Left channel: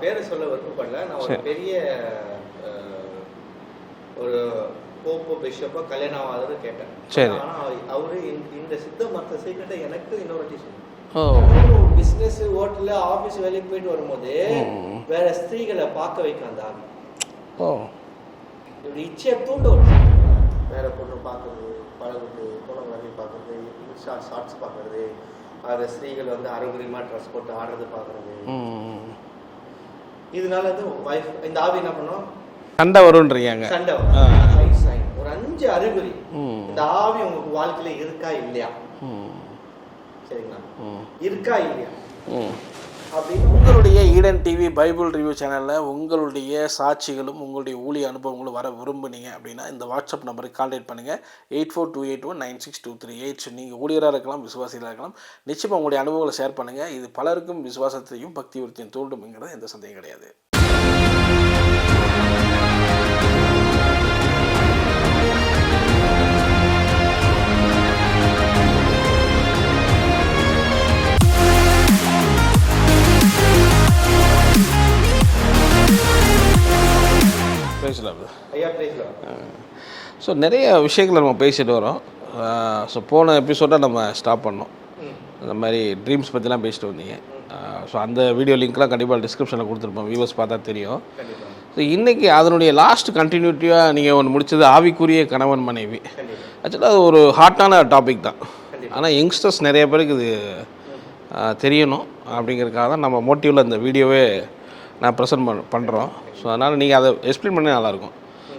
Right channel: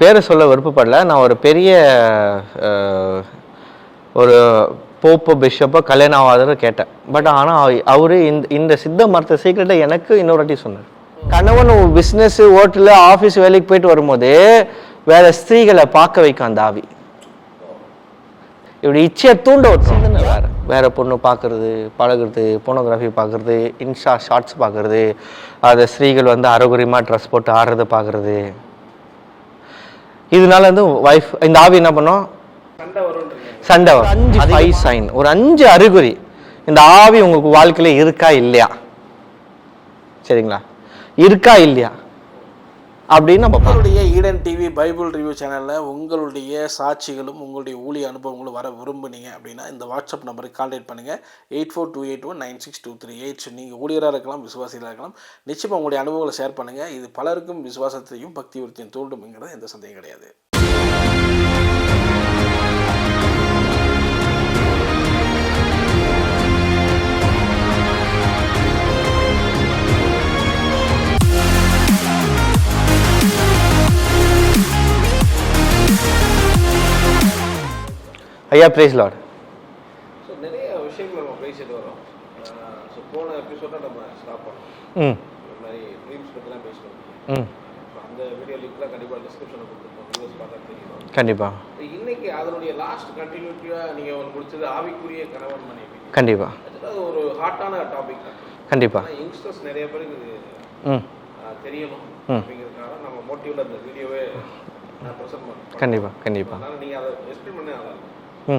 பேரை சொல்ல விருப்பப்படல. நான் ஒரு பெரிய ஒரு போப்போ பிஷப்போ கல்யாணம் ஆகாதன்னு கேட்டேன். பட் ஆனா அவ- அவரு இந்த இந்த சித்த மருத்துவ சீக்கிரட்டை எனக்கு இன்னொரு வாட்டி சொன்னார். கணவன் பிசினஸ் ஹோட்டலு ஆபீஸ் வேலைக்கு போயிட்டு வரும்போது வேற ஸ்திரீகளை பார்க்க வைக்கும் அந்த ஆவி இப்படி இச்சையை தூண்ட ஒரு சிந்தனை வேற. வேற பொண்ணு பார்க்கறது பழகுறது போனோகிராஃபி பார்க்கறது இன்ஸ்டா ஷார்ட்ஸ் பார்க்கறது அதை ஸ்திரீகள் வந்து அறகுறையமாக ட்ரெஸ் போட்டு ஆடுறத பார்க்கறது. இதனால வந்து வைஃப் இந்த ஆவி என்ன பண்ணும்? சண்டை வரும்ன்றீங்க சண்டை வரும். ஃபைவ் சைன் ஒரு அஞ்சு அறிகுறி. இந்த ஆவி உங்களுக்கு வாழ்க்கையில இருக்கா இல்லையா? சரிங்களா? இருக்கா இல்லையா? அப்படின்னு நம்ம உங்களுடைய ஈடன் டிவி பைபிள் ரிவ்யூ சேனலில் உங்களுடைய சாட்சிகளும் உங்களுடைய ஊழிய அனுபவங்களும் வர விரும்புனீங்க அப்படின்னா இந்த வாட்ஸ்அப் நம்பருக்கு கான்டாக்ட் பண்ணுங்கள் eight four two eight one nine six two three eight நீங்கள் ஊழியராக இருக்கலாம் விசுவாசிகளாக இருக்கலாம். நிச்சயமாக உங்களுடைய அனுபவங்களை ஷேர் பண்ணுங்கள் இது பலருக்கும் விசுவாசத்தையும் பக்தி விருத்தியும் தூண்டும்ங்கிறது எந்த சந்தேகம் கிடையாது. ஐயா பிரைஸ் லார்ட் ஸோ நிறைய விஷயங்களை நம்ம பேசிட்டு வரோம். ஸோ போன எபிசோட நம்ம ஸ்டாப் பண்ணோம். ம். அந்த மாதிரி ட்ரீம்ஸ் பற்றிலாம் பேசிட்டு வந்தீங்க. ஸோ அந்த வீடியோ லிங்க்லாம் கண்டிப்பாக டிஸ்கிரிப்ஷனில் கொடுத்துருப்போம். வியூவர்ஸ் பார்த்தா தெரியும். கண்டிப்பா. ஸோ இன்னைக்கு அதனுடைய லாஸ்ட் கண்டினியூட்டியாக நீங்கள் ஒன்று முடிச்சது ஆவிக்குரிய கணவன் மனைவி. கண்டிப்பா. ஆக்சுவலாக அது ஒரு ஹாட்டான டாபிக் தான். கண்டிப்பா. ஆனால் யங்ஸ்டர்ஸ் நிறைய பேருக்கு இது தெரியணும். அப்படிங்கிறதுக்காக தான் நம்ம மோட்டிவில் இந்த வீடியோவே நான் ப்ரெசென்ட் பண்ண பண்ணுறோம் கண்டிப்பா. ஸோ அதனால் நீங்கள் அதை எக்ஸ்பிளைன் பண்ணி நல்லாயிருக்கும்.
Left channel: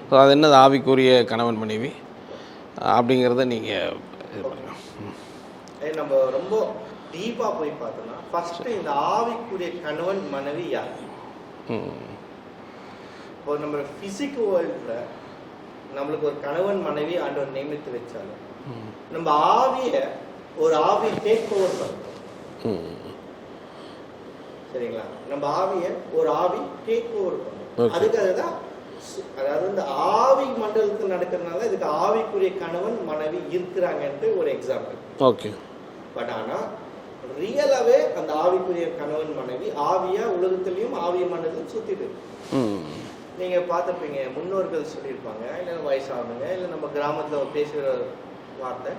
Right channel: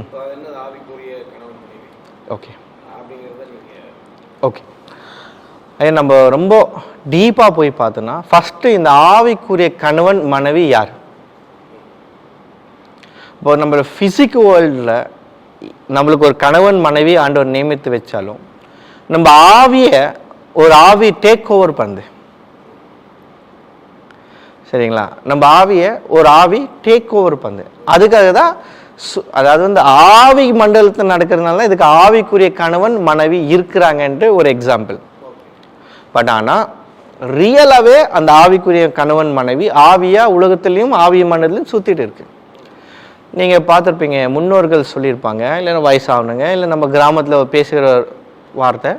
ஸோ அது என்னது? ஆவிக்குரிய கணவன் மனைவி? ஓகே. அப்படிங்கிறத நீங்கள் ஓகே. ஐயா நம்ம ரொம்ப டீப்பாக போய் பார்த்தோன்னா ஃபஸ்ட்டு இந்த ஆவிக்குரிய கணவன் மனைவி யார்? இப்போ நம்ம ஃபிசிக் வேர்ல்டில் நம்மளுக்கு ஒரு கணவன் மனைவி ஆண்டவர் நியமித்து வச்சாலும் நம்ம ஆவியை ஒரு ஆவி டேக் ஓவர் பண்ணுது. சரிங்களா? நம்ம ஆவியை ஒரு ஆவி டேக் ஓவர் பண்ணுது அதுக்காக தான் அதாவது வந்து ஆவி மண்டலத்தில் நடக்கிறதுனால இதுக்கு ஆவிக்குரிய கணவன் மனைவி இருக்கிறாங்கன்ட்டு ஒரு எக்ஸாம்பிள் ஓகே பட் ஆனால் ரியலாகவே அந்த ஆவிக்குரிய கணவன் மனைவி ஆவியா உலகத்துலேயும் ஆவி மண்டலத்திலையும் சுற்றிட்டு இருக்கு. நீங்கள் பார்த்துருப்பீங்க முன்னோர்கள் சொல்லியிருப்பாங்க இல்லைன்னா வயசாகணுங்க இல்லை நம்ம கிராமத்தில் பேசுகிற வார்த்தை.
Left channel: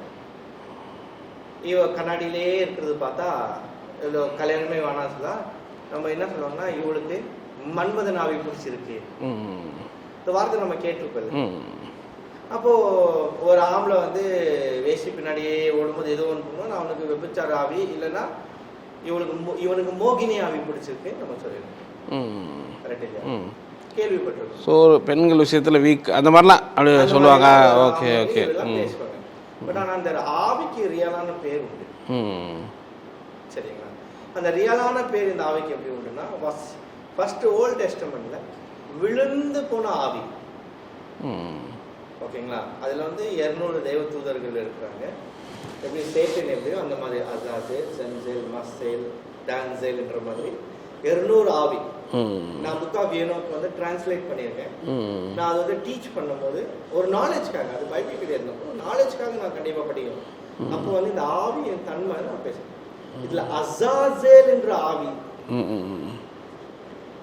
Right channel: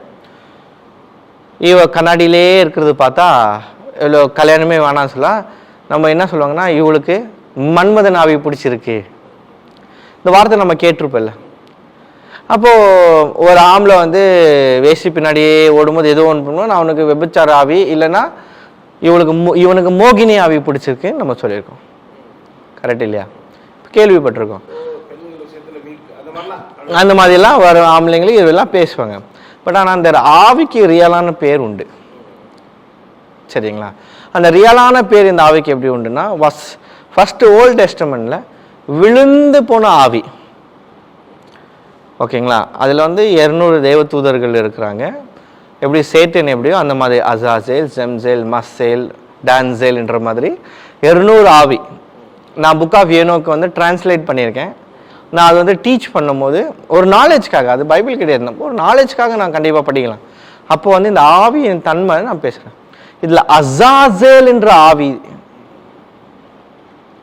இவ கண்ணாடியிலே இருக்கிறது பார்த்தா இவ்வளோ கல்யாணமே வேணாம்னு சொல்ல நம்ம என்ன சொல்லுவாங்கன்னா இவளுக்கு மன்மதன் ஆவி பிடிச்சிருக்கு. இந்த வார்த்தை நம்ம கேட்டிருப்போம்ல. அப்போ ஒரு ஆம்பளை வந்து வேஷ்டி பின்னாடியே ஓடும்போது ஏதோ ஒன்று பண்ணுவோம் அவனுக்கு விபச்சார ஆவி இல்லைன்னா இவனுக்கு இவனுக்கு மோகினி ஆவி பிடிச்சிருக்குன்னு நம்ம சொல்லியிருக்கோம். கரெக்ட் இல்லையா? கேள்விப்பட்டிருக்கோம். ஸோ பெண்கள் விஷயத்தில் வீக் அந்த மாதிரிலாம் அந்த மாதிரிலாம் வரும் ஆம்பளைங்களுக்கு இதெல்லாம் பேசுவாங்க. பட் ஆனால் அந்த ஆவிக்கு ரியலான பேர் உண்டு. சரிங்களா? அந்த ரியலான பேர் இந்த ஆவிக்கு எப்படி உண்டுன்னா வஸ் ஃபஸ்ட்டு ஓல்ட் டெஸ்டமெண்ட்ல விழுந்து போன ஆவி. ஓகேங்களா? அதில் வந்து இரநூறு தேவதூதர்கள் இருக்கிறாங்க. எப்படி சேட்டன் எப்படியோ அந்த மாதிரி அசாசேல் ஜெம்சேல் மஸ்ஸேல் டான்சேல்ன்ற மாதிரி இருநூறு ஆவி. நான் புக் ஆஃப் ஏனோக்கு வந்து டிரான்ஸ்லேட் பண்ணியிருக்கேன். நான் அது வந்து டீச் பண்ணும்போது ஒரு நாலேஜ்க்காக அது பைபிள் கிடையாது. நம்ம ஒரு நாலேஜ்க்காக நான் கண்டிப்பாக படிக்கலாம். அப்போ வந்து இந்த ஆவியின் தன்மை நான் பேசுகிறேன் இதில் அசாசேல் என்ற ஆவி.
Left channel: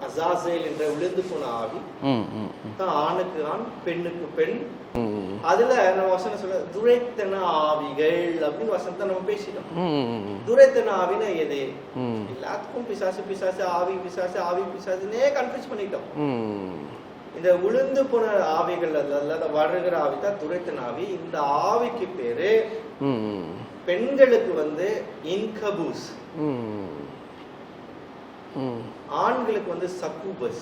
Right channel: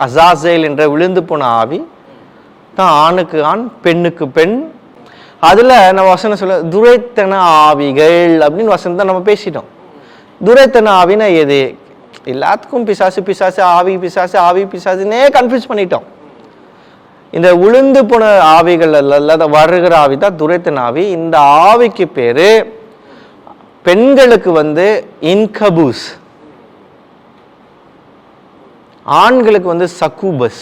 அசாசேல் என்ற விழுந்து போன ஆவி. தான் ஆணுக்கு ஆண் பெண்ணுக்கு பெண். அதுல நம்ம வசனம் சொல்ல துரைத்தன ஆவிகள் அப்படின்னு வசனத்தை நம்ம பேசிட்டோம். துரைத்தன ஆவினா எது? எல்லாத்துக்கும் பிசாசு பிசாசு ஆவி பிசாசு ஆவி பிசாசுன்னே கன்ஃபியூஸ் பண்ணிட்டோம். இந்த உளுந்து போன ஆவிகள் அல்ல வருகிற ஆவி தான் துரைத்தன ஆவி. இந்த ஆவிக்கு பேரு பெண்களுக்கு வந்து இன்கபூஸ். ஆண்களுக்கு வந்து சக்கூபஸ்.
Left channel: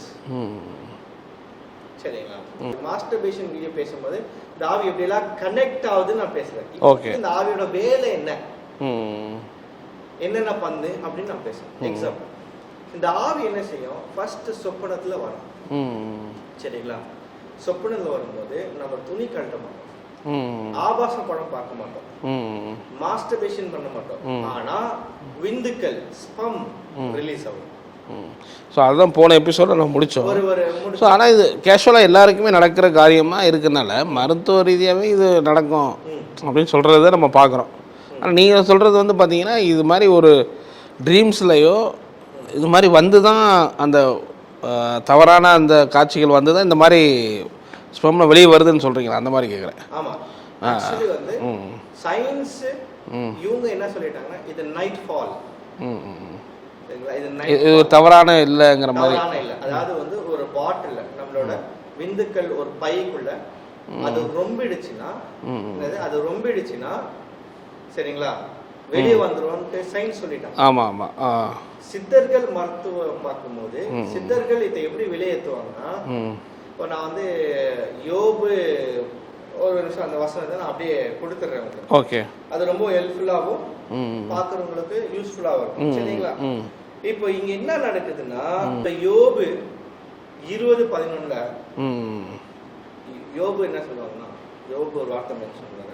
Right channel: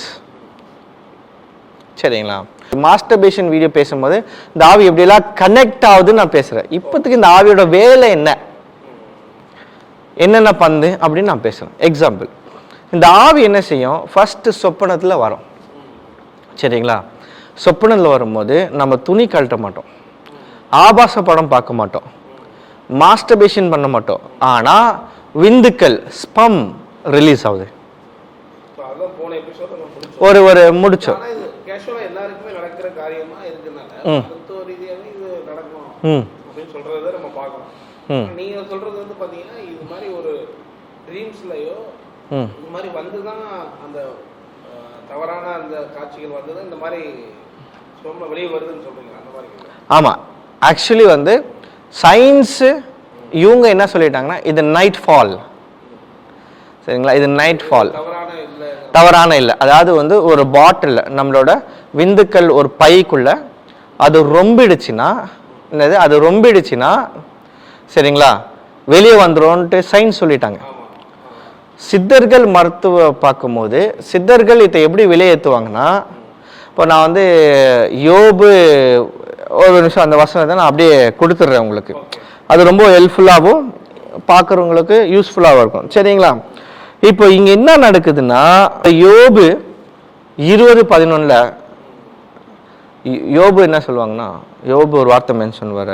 சரிங்களா? மாஸ்டர்பேஷன் வீடியோ பேசும்போது இந்த ஆவி எப்படியெல்லாம் கனெக்ட் ஆகுதுன்னு நான் பேசுறேன். இப்போதைக்கு இந்த ஆவியோட வேலை என்ன? என்னென்ன பண்ணுது அப்படின்னு நான் பேசுறேன். எக்ஸாம்பிள் இந்த ஆவி என்ன செய்யும்? ஃபர்ஸ்ட் சொப்பனத்துல வரும். சரிங்களா? சொப்பனத்தில் வரும்போது நம்ம துணி கழட்ட மாட்டோம். ஆபாச படம் பார்க்க மாட்டோம். மாஸ்டர்பேஷன் பண்ண மாட்டோம். ஆனா விந்துக்கள் ஸ்பம் ரிலீஸ் ஆகுது. ஸோ அதுதான் போன எபிசோட நம்ம முடிச்சோம். ஒரு ஒரு முடிச்சோம். ஆனால் இது கேஷுவலாக எல்லாருக்குமே நடக்கிற காரியமா இருக்கனால மருத்துவ ரீதியாகவே இது நடக்கும். அப்படின்னு சொல்கிறத நம்ம பார்க்குறோம். ஆனால் நீங்கள் சொல்கிறது வந்து பார்த்தீங்கன்னா இது மாதிரி ஒரு ட்ரீம்ஸ்லையோ இது மாதிரி வந்து தான் அந்த தவறான அந்த காட்சிகள் வந்து தான் இந்த மாதிரி ஸ்பெம்ல வெளியே வருதுன்னு சொல்றீங்களா? அந்த மாதிரி கேட்குறேன் ஆமா. ஆக்சுவலி வந்து சயின்ஸ் இவங்க என்ன சொல்லிட்டாங்கன்னா இது நைட் ஃபால் சரிங்களா? இது நைட் ஃபால் தவறான இல்லைங்கிற தவறான இல்லை. அதாவது வந்து ஒரு பாட்டில் நம்மளோட விந்துக்கள் ஒரு பைக்குள்ள அது ரொம்பிடுச்சுன்னா என்னது? அது ரொம்பிடுச்சுன்னா சரிங்களா? வெளியே வந்துரும்ன்ட்டு சயின்ஸ் சொல்லிட்டாங்க. ஆமா ஆமா. ஆ. சித்தர்கள் மருத்துவ பார்க்கும்போது சித்தர்கள் இதை எப்படி விலையேற்றுவாங்கன்னா இப்போ நான் வந்து யோபு ஒரு நிமிஷம் அந்த வசனத்தை நான் அப்படியே கொடுத்துட்றேன் உங்களுக்கு. ஓகே அது ரொம்ப ஹெல்ப்ஃபுல்லாகவும் பார்க்குறவங்களுக்கு யூஸ்ஃபுல்லாகவும் இருக்கும். சரிங்களா? இப்போ இங்க என்ன நடக்குதுன்னா யோபு இருபது பதினொன்னுல ம். யோபு என்ன சொல்லுவாங்கன்னா யோபு ஒரு வார்த்தை மென்ஷன் வர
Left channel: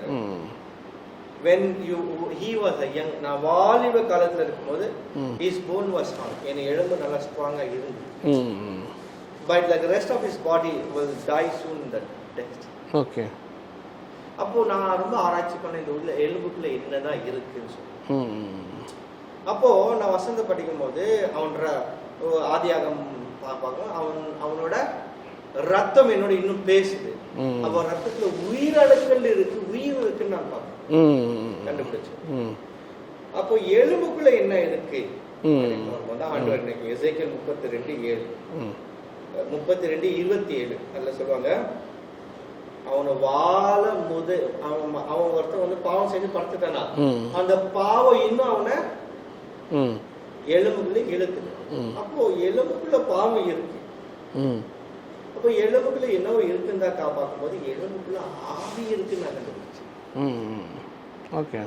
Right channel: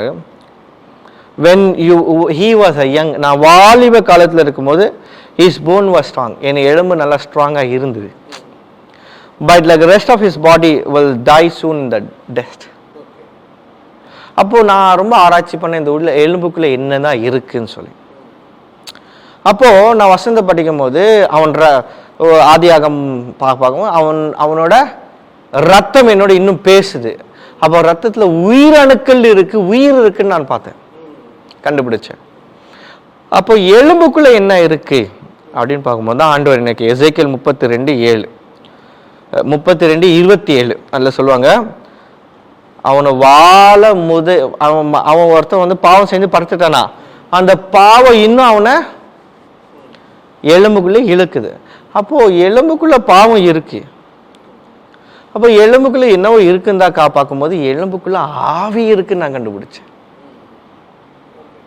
when you he was a young நான் வாலிப காலத்துல இருக்கும்போது ஹிஸ் போன் வாஸ் ஸ்ட்ராங் என் எலும்பு நல்லா ஸ்ட்ராங்கா இருந்தது. But like rest of his body will die soon in the test okay அப்போ நான் ரொம்ப ஆராய்ச்சி பண்ண இந்த உள்ள எலும்புக்குள்ள என்னதான் இருக்குன்னு சொல்லி. அப்போது அப்போ நான் வசந்த படிக்கும் போது அவன் ஆதியாகம் பார்க்கும்போது அவன் அவனோட ரத்தம் என்னோட இன்னும் பேசுது. அப்போ ரத்தத்துல உயிரணுக்கள் இருக்கு உயிர் இருக்குன்னு நான் பார்த்தேன். கண்டுபிடிச்சேன். அப்போ எலும்புக்குள்ள என்ன இருக்கு அப்படின்னு பார்க்கும்போது தான் ஆண்டவர் இன்னைக்கு எசைக்கல் முப்பத்தி ரெண்டு ஏழு முப்பத்தி ரெண்டு இருபத்தி ஏழு அதில் சொல்லுவாங்க அவனை வாழ முத அவன் அவன் ஒருத்தன் வந்து பாவம் செஞ்சு படுத்துட்டானா அந்த பாவம் இன்னும் அவனை எலும்புக்குள்ள இழுக்குது. அப்போ எலும்புக்குள்ள பாவம் இருக்கு. அப்போ எலும்புக்குள்ள என்னவோ இருக்குந்தா கா பார்க்கும்போது எலும்புக்குள்ள ஆவி இருக்குன்னு நான் கண்டுபிடிச்சேன். ஓகே.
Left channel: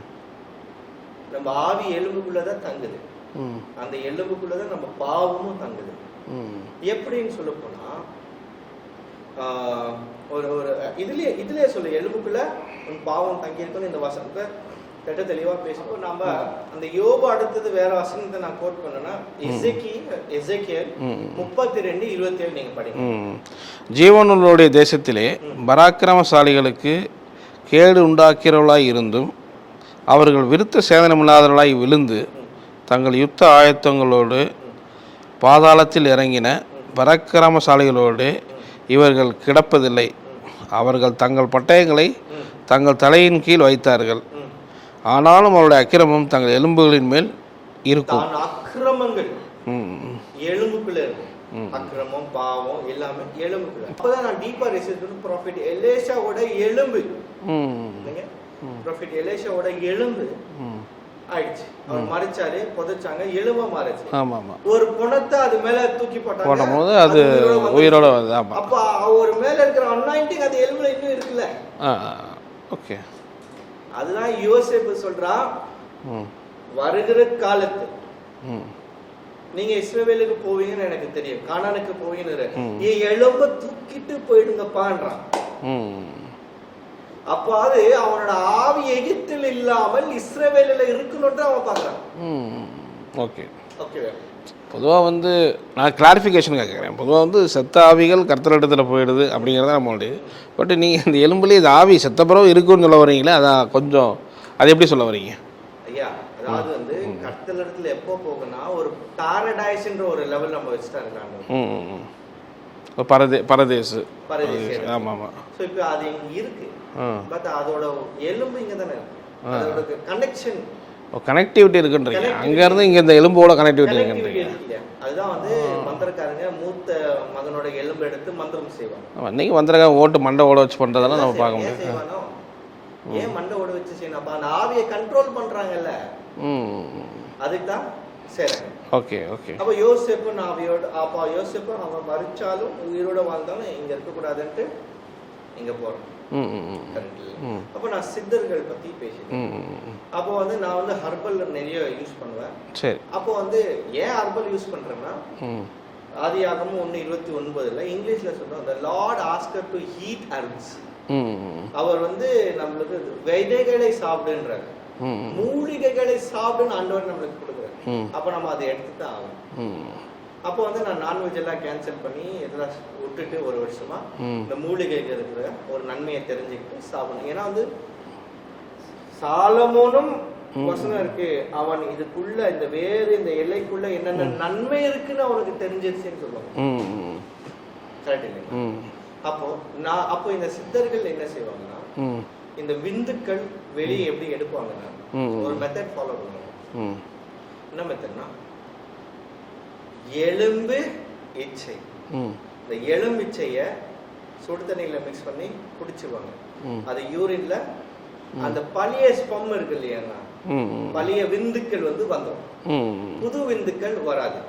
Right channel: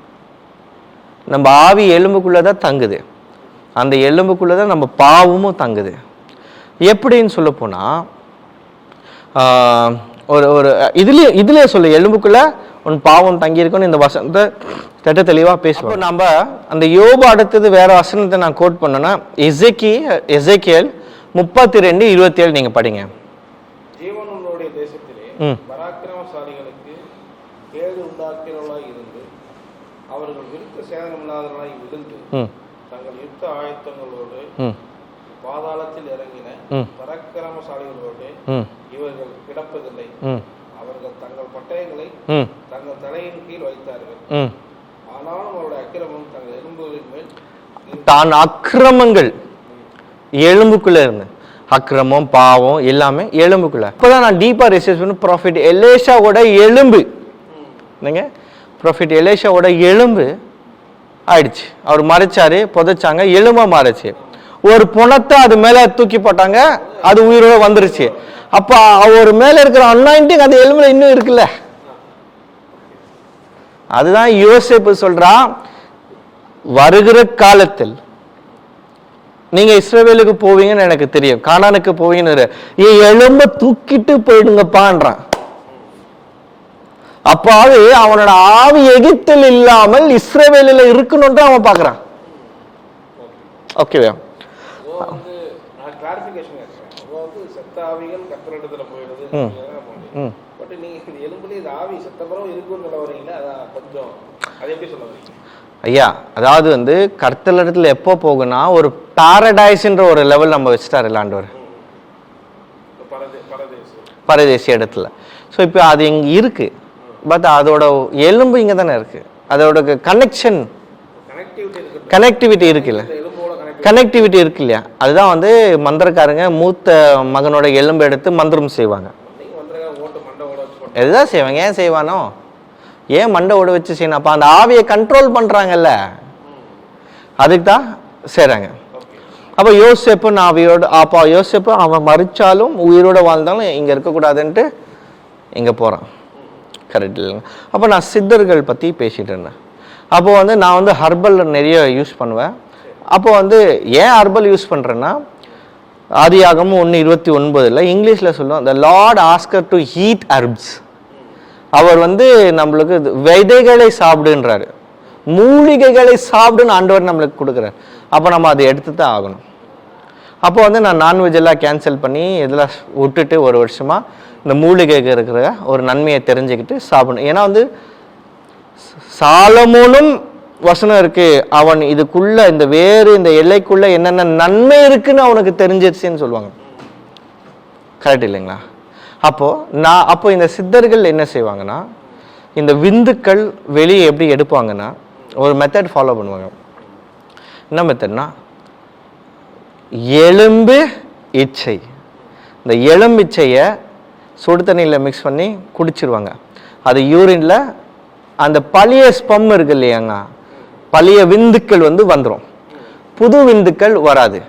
நம்ம ஆவி எலும்புக்குள்ள தான் தங்குது. அந்த எலும்புக்குள்ள தான் நம்ம பாவமும் தங்குது. எப்படின்னு சொல்ல போனா ஆஹ், ஒரு ஒரு இதுலயே இதுலயே சொல்லு எலும்புக்குள்ள உன் பாவம் தங்கி இருக்குன்னு இந்த வசனத்தை திட்ட தெளிவா பேசுவோம். நம்ம அந்த யோபு அடுத்தது வேற வசனத்தை நான் கோட் பண்ணேன்னா எசேக்கி எசேக்கியல் முப்பத்தி ரெண்டு இருபத்தி ஏழு நீங்க படிங்க. ஜீவனுடைய தேசத்திலே பராக்கிரமசாலிகளுக்கு கேடு உண்டாக்கிறவர்களாய் இருந்தும் அவர்கள் விருத்த சேதனமில்லாதவர்களாய் விழுந்து தங்கள் யுத்த ஆயத்தங்களோடு பாதாளத்தில் இறங்கின பராக்கிரமசாலிகளோடு இவர்கள் கிடப்பதில்லை. அவர்கள் தங்கள் பட்டயங்களை. தங்கள் தலையின் கீழ் வைத்தார்கள். ஆனாலும் அவருடைய அக்கிரமம் தங்கள் எலும்புகளின் மேல் இருக்கும். தான் அக்கிரமங்கள். எலும்புக்குள்ள இருந்து அக்கிரமம் பாவம் எல்லாமே எலும்புக்குள்ள. இப்பதான் நான் டீப்பா ரிசர்ச் பண்ணி ப்ராஃபிட் எலேஷாவோட எலும்பு. என்னங்க? ப்ராஃபிட் எலேஷாவோட எலும்பு ஆயிடுச்சு. அவர் மறைச்சாரு புதைச்சாங்க எலும்பா மாறுச்சு. ஒரு புணத்தை அது மேல தூக்கி போட்டாங்க அது உயிரோட வந்துருச்சு. அப்ப அவர் மேல இருக்கிற அன்னாயிண்டிங் அந்த எலும்புல இன்னும் இருக்குல்ல? அதுதான் யோசேப்பு சொல்றா வருகிற காலத்தில் நீங்க இஸ்ரவேலுக்கு போவீங்கன்னு எனக்கு தெரியும். கானானுக்கு போவீங்கன்னு என் எலும்ப தூக்கிட்டு போயிடுங்கப்பான்றான் அப்பாவது அவனோட ஆவி எகிப்தில் இல்லாமல் இஸ்ரவேலில் இருக்கணும்னு அவன் பார்க்கறான். ஓகே. ஓகேவா பொதுவாக வந்து நான் கிளாரிஃபிகேஷன் கேட்குறேன் பொதுவாக வந்து செத்த ஆவிகள் கர்த்தரிடத்தில் போயிடுது அப்படிங்கிறத நம்மளுடைய பட் நீங்கள் இந்த எலும்புலேயே இது ஆவி செத்த பிறகு இருக்குன்னு சொல்ல வரீங்களே அதான் கொஞ்சம் அதை எப்படி சொல்ல வரீங்க ஐயா அதாவது வந்து கர்த்தல் இடத்துல எப்போ போகுனா ஒரு பாரடைஸ்ன்ற ஒரு லெவல் நம்ம வச்சுட்டாரு இல்லாண்டவர் பரதே பரதேசு. பரதேசி இடத்துல. ஸோ இப்போ அது இங்க இருக்கு. பட் அதோட எலும்பு இங்க தானே இருக்கு. அதோட கனெக்ஷன் கனெக்டிவிட்டி இருக்குன்ற Connectivity இருக்கு. இந்த எலும்போட கனெக்டிவிட்டி கனெக்டிவிட்டி இருக்கு இல்லையா? அதுதான் வந்து மந்திரக்காரங்க மூத்த மகனோட எலும்பு எடுத்து மந்திரம் செய்வாங்க. நீங்கள் வந்துருக்க ஓட்டு மண்டை ஓட வச்சு பண்ணுறது எதுதான் செய்வாங்க? ஏன் செய்வானோ? ஏன் மண்டை ஓட வச்சு செய்யணும்? அப்ப அந்த ஆவியை கண்ட்ரோல் பண்றாங்கல்ல. அதுக்கு தான் செய்றாங்க. Okay okay. அப்ப யோசேப்பு நான் அவையோட அப்பா யோசேப்பு அவன் மறிச்சாலும் உயிரோட வாழ்ந்தாலும் இங்க இருக்கக்கூடாதுன்ட்டு இங்க ம். கரெக்ட் இல்லைங்க அப்போ நான் சித்தர்கள் பத்தி பேசிட்டு இருந்தேன். அப்போ வந்து நான் வந்து ஹர்பல் நிறைய யூஸ் பண்ணுவேன். சரி. அப்போ வந்து ஏன் ஹர்பல் யூஸ் பண்றேன்னா ஆதியாகமும் ஒன்று இருபத்தி ஒன்பதுல இங்கிலீஷ்ல சொல்லுவோம் the Lord asker to heat அர்ப்ஸ் ம் அவர் வந்து நம்மளுக்கு விதைகளை சாப்பிடுன்றாரு. மூலிகைகளை சாப்பிடுன்னு ஆண்டவர் நம்மளுக்கு கொடுக்குறாரு. அப்போ நம்ம அதை எடுத்து தான் ஆகணும் அப்போ வந்து நான் நான்வெஜ் எல்லாம் கேன்சல் பண்ணி இதெல்லாம் விட்டுட்டு ஒரு வருஷமா இந்த மூலிகைக்கு இருக்கிற ஒரு நன்மையை தெரிஞ்சுக்கிட்டு சாப்பிடணும். ஏன்னா வந்து சாலமோனும் வசனம் இருக்கு. அவன் இதுக்குள்ள இந்த வேறு இந்த எல்லைக்குள்ள என்னென்ன நன்மை இருக்குன்னு அவனுக்கு தெரிஞ்சிருச்சுன்னு சொல்லுவாங்க. கரெக்ட் இல்லைங்களா? அப்போ நான் அப்போ இந்த சித்தர்கள் என்ன செய்வாங்கன்னா இந்த விந்துக்கள் வெளியே எப்படி எடுப்பாங்கன்னா ஒரு மெத்தட் ஃபாலோ பண்ணுவாங்க. என்ன மெத்தட்னா எலும்பு இச்சை. இந்த எலும்பிச்சையை சுடு தண்ணியில் மிக்ஸ் பண்ணி குடிச்சிருவாங்க. அது யூரின்ல அந்த பழைய ஸ்பம் இருக்கு இல்லையாங்க பழைய விந்துக்கள் வந்து வந்துடும் புது விந்துக்கள் வராது.